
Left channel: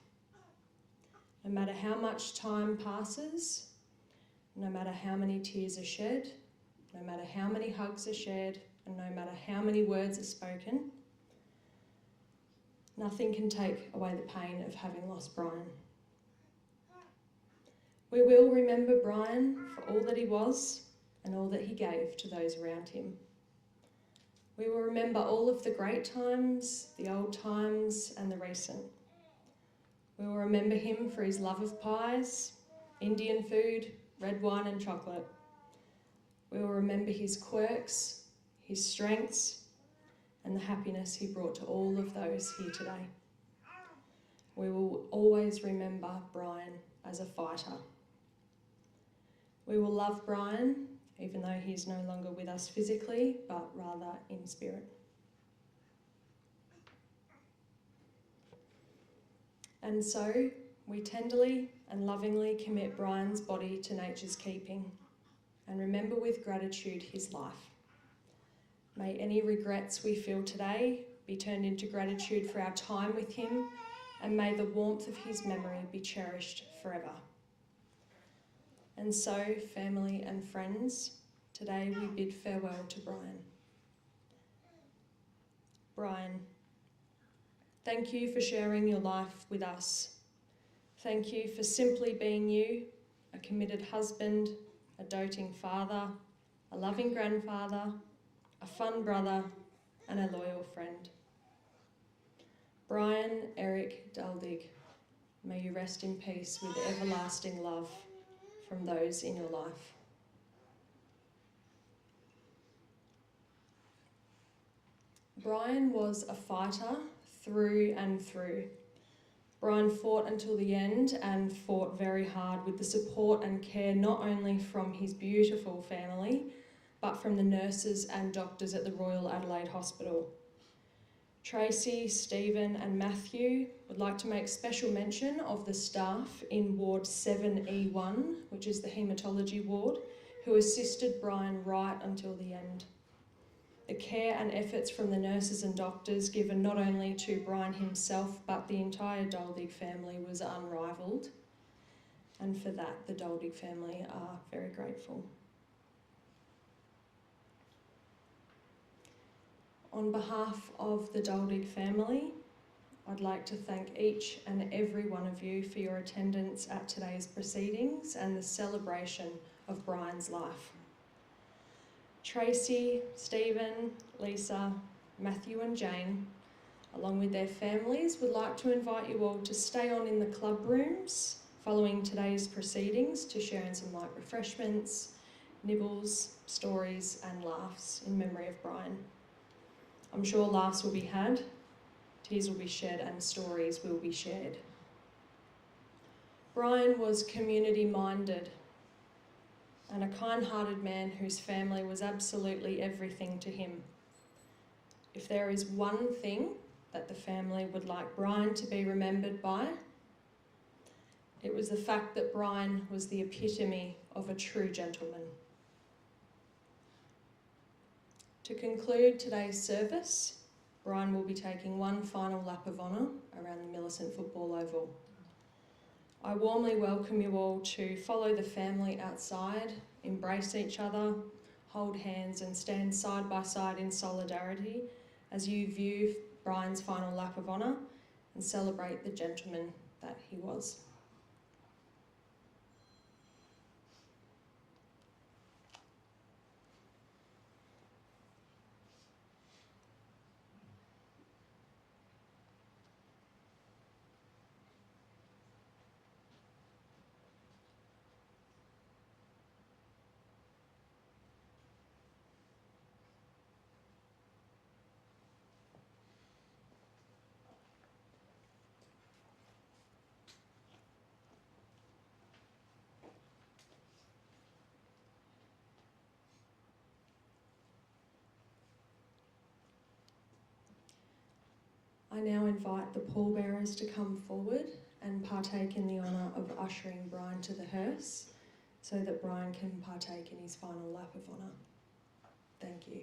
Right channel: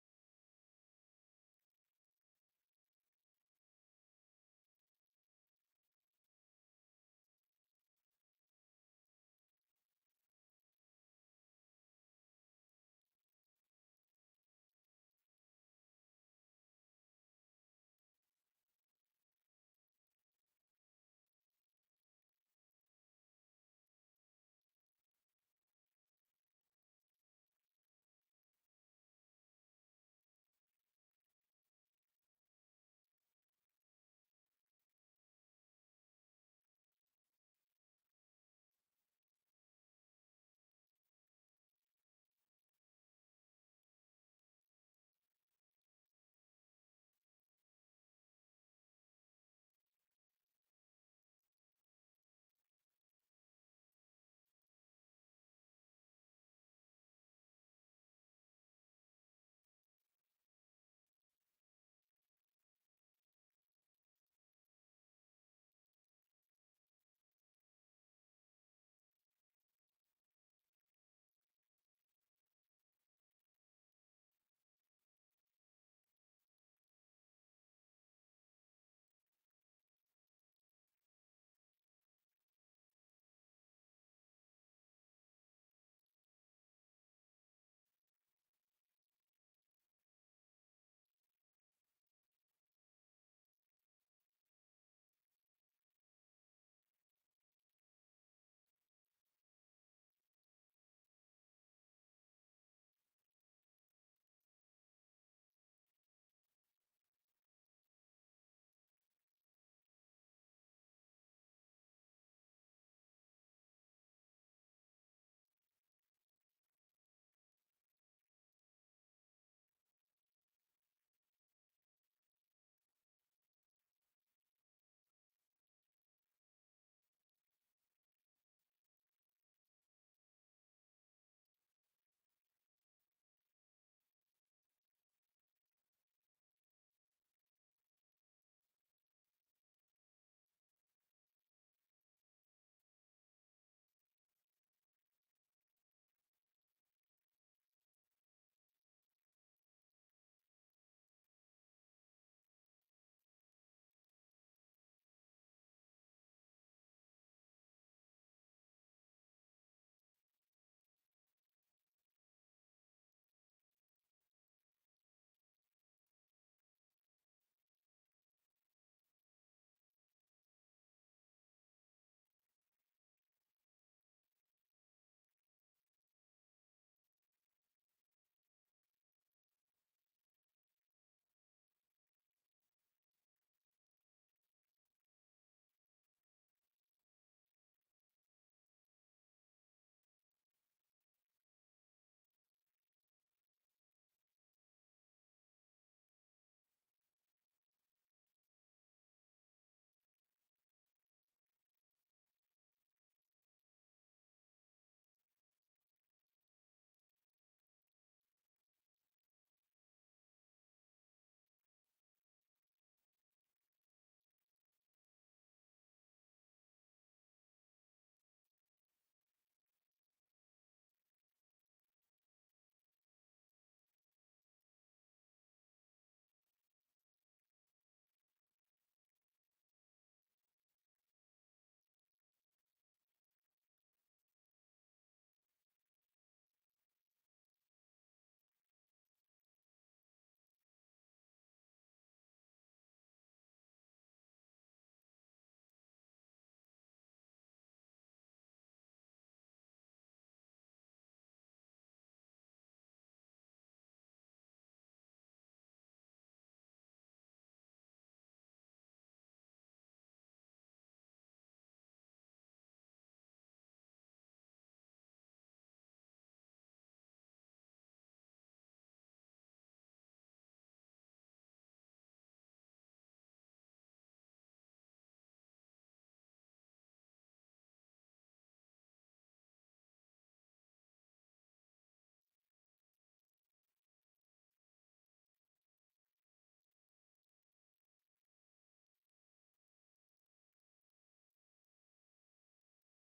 No matter how much time passes, no matter how many tears are shed, no matter how many hugs are shared, and no matter how many words are spoken, nothing can take away the pain of having lost Brian. We will remember Brian for all that he was and all that he gave to those around him. We will remember all of the great times, the old times and the recent. We will remember him for his love of pies, Indian food, red wine and chocolate. We will remember his quirks, his strengths and the happiness he brought to all of those here today. We will always remember Brian as a fighter. We will love Brian even though he is no longer with us physically, but rather in spirit. And so, we tenderly and lovingly commit Brian's body to nature's keeping and remember with gratitude his life. May any regrets we feel today be turned into gratitude for our time with him, and may the warmth of his memory be cherished forever. And so, family and friends, today we bid farewell to Brian. Brian, thank you for sharing your life with us. Thank you for simply being you, a committed husband, a doting father, a loving grandfather, a fun brother, and a loyal friend. Brian Eric Duldig, may you rest in peace with everlasting love from those in your life. Brian was a fighter through and through. Brian fought until the end and fought very hard with the support and care not only from his beautiful family, but from the nurses and doctors at the Royal Adelaide Hospital. Tracy, Stephen and Matthew would like to make special mention of the staff in Ward 7E1, which is the haematology ward, who assisted Brian right until the end. The care and efforts from the nurses and doctors given not only to Brian himself but the entire Duldig family was unrivalled, and for that the Duldig family are very grateful. On behalf of the Duldig family, I'd like to thank each and every one of you for your attendance at today's proceedings and the celebration of Brian's life. Tracy, Stephen, Lisa, Matthew and Jane, along with their families, would like to invite you all to stay on in the club rooms following today's proceedings to share in some light refreshments, nibbles, stories and laughs in memory of Brian. I'm sure laughs will be had, tears will be shed and stories will be shared. Brian was community-minded and a kind-hearted man whose family was absolutely everything to him. If there is one thing that the family would like Brian to be remembered by, it was the fact that Brian was the epitome of a true gentleman. To conclude today's service, Brian will be taking one final lap of honour around the Millicent Football Oval. I warmly welcome you all to follow the family outside, embrace each other, hold hands and stand side by side in solidarity as you view Brian's final lap of honour and celebrate the gentleman that he was. I now invite the pallbearers to come forward and partake in the honour of ushering Brian to the hearse so that Brian can partake in his final lap of honour. Thank you.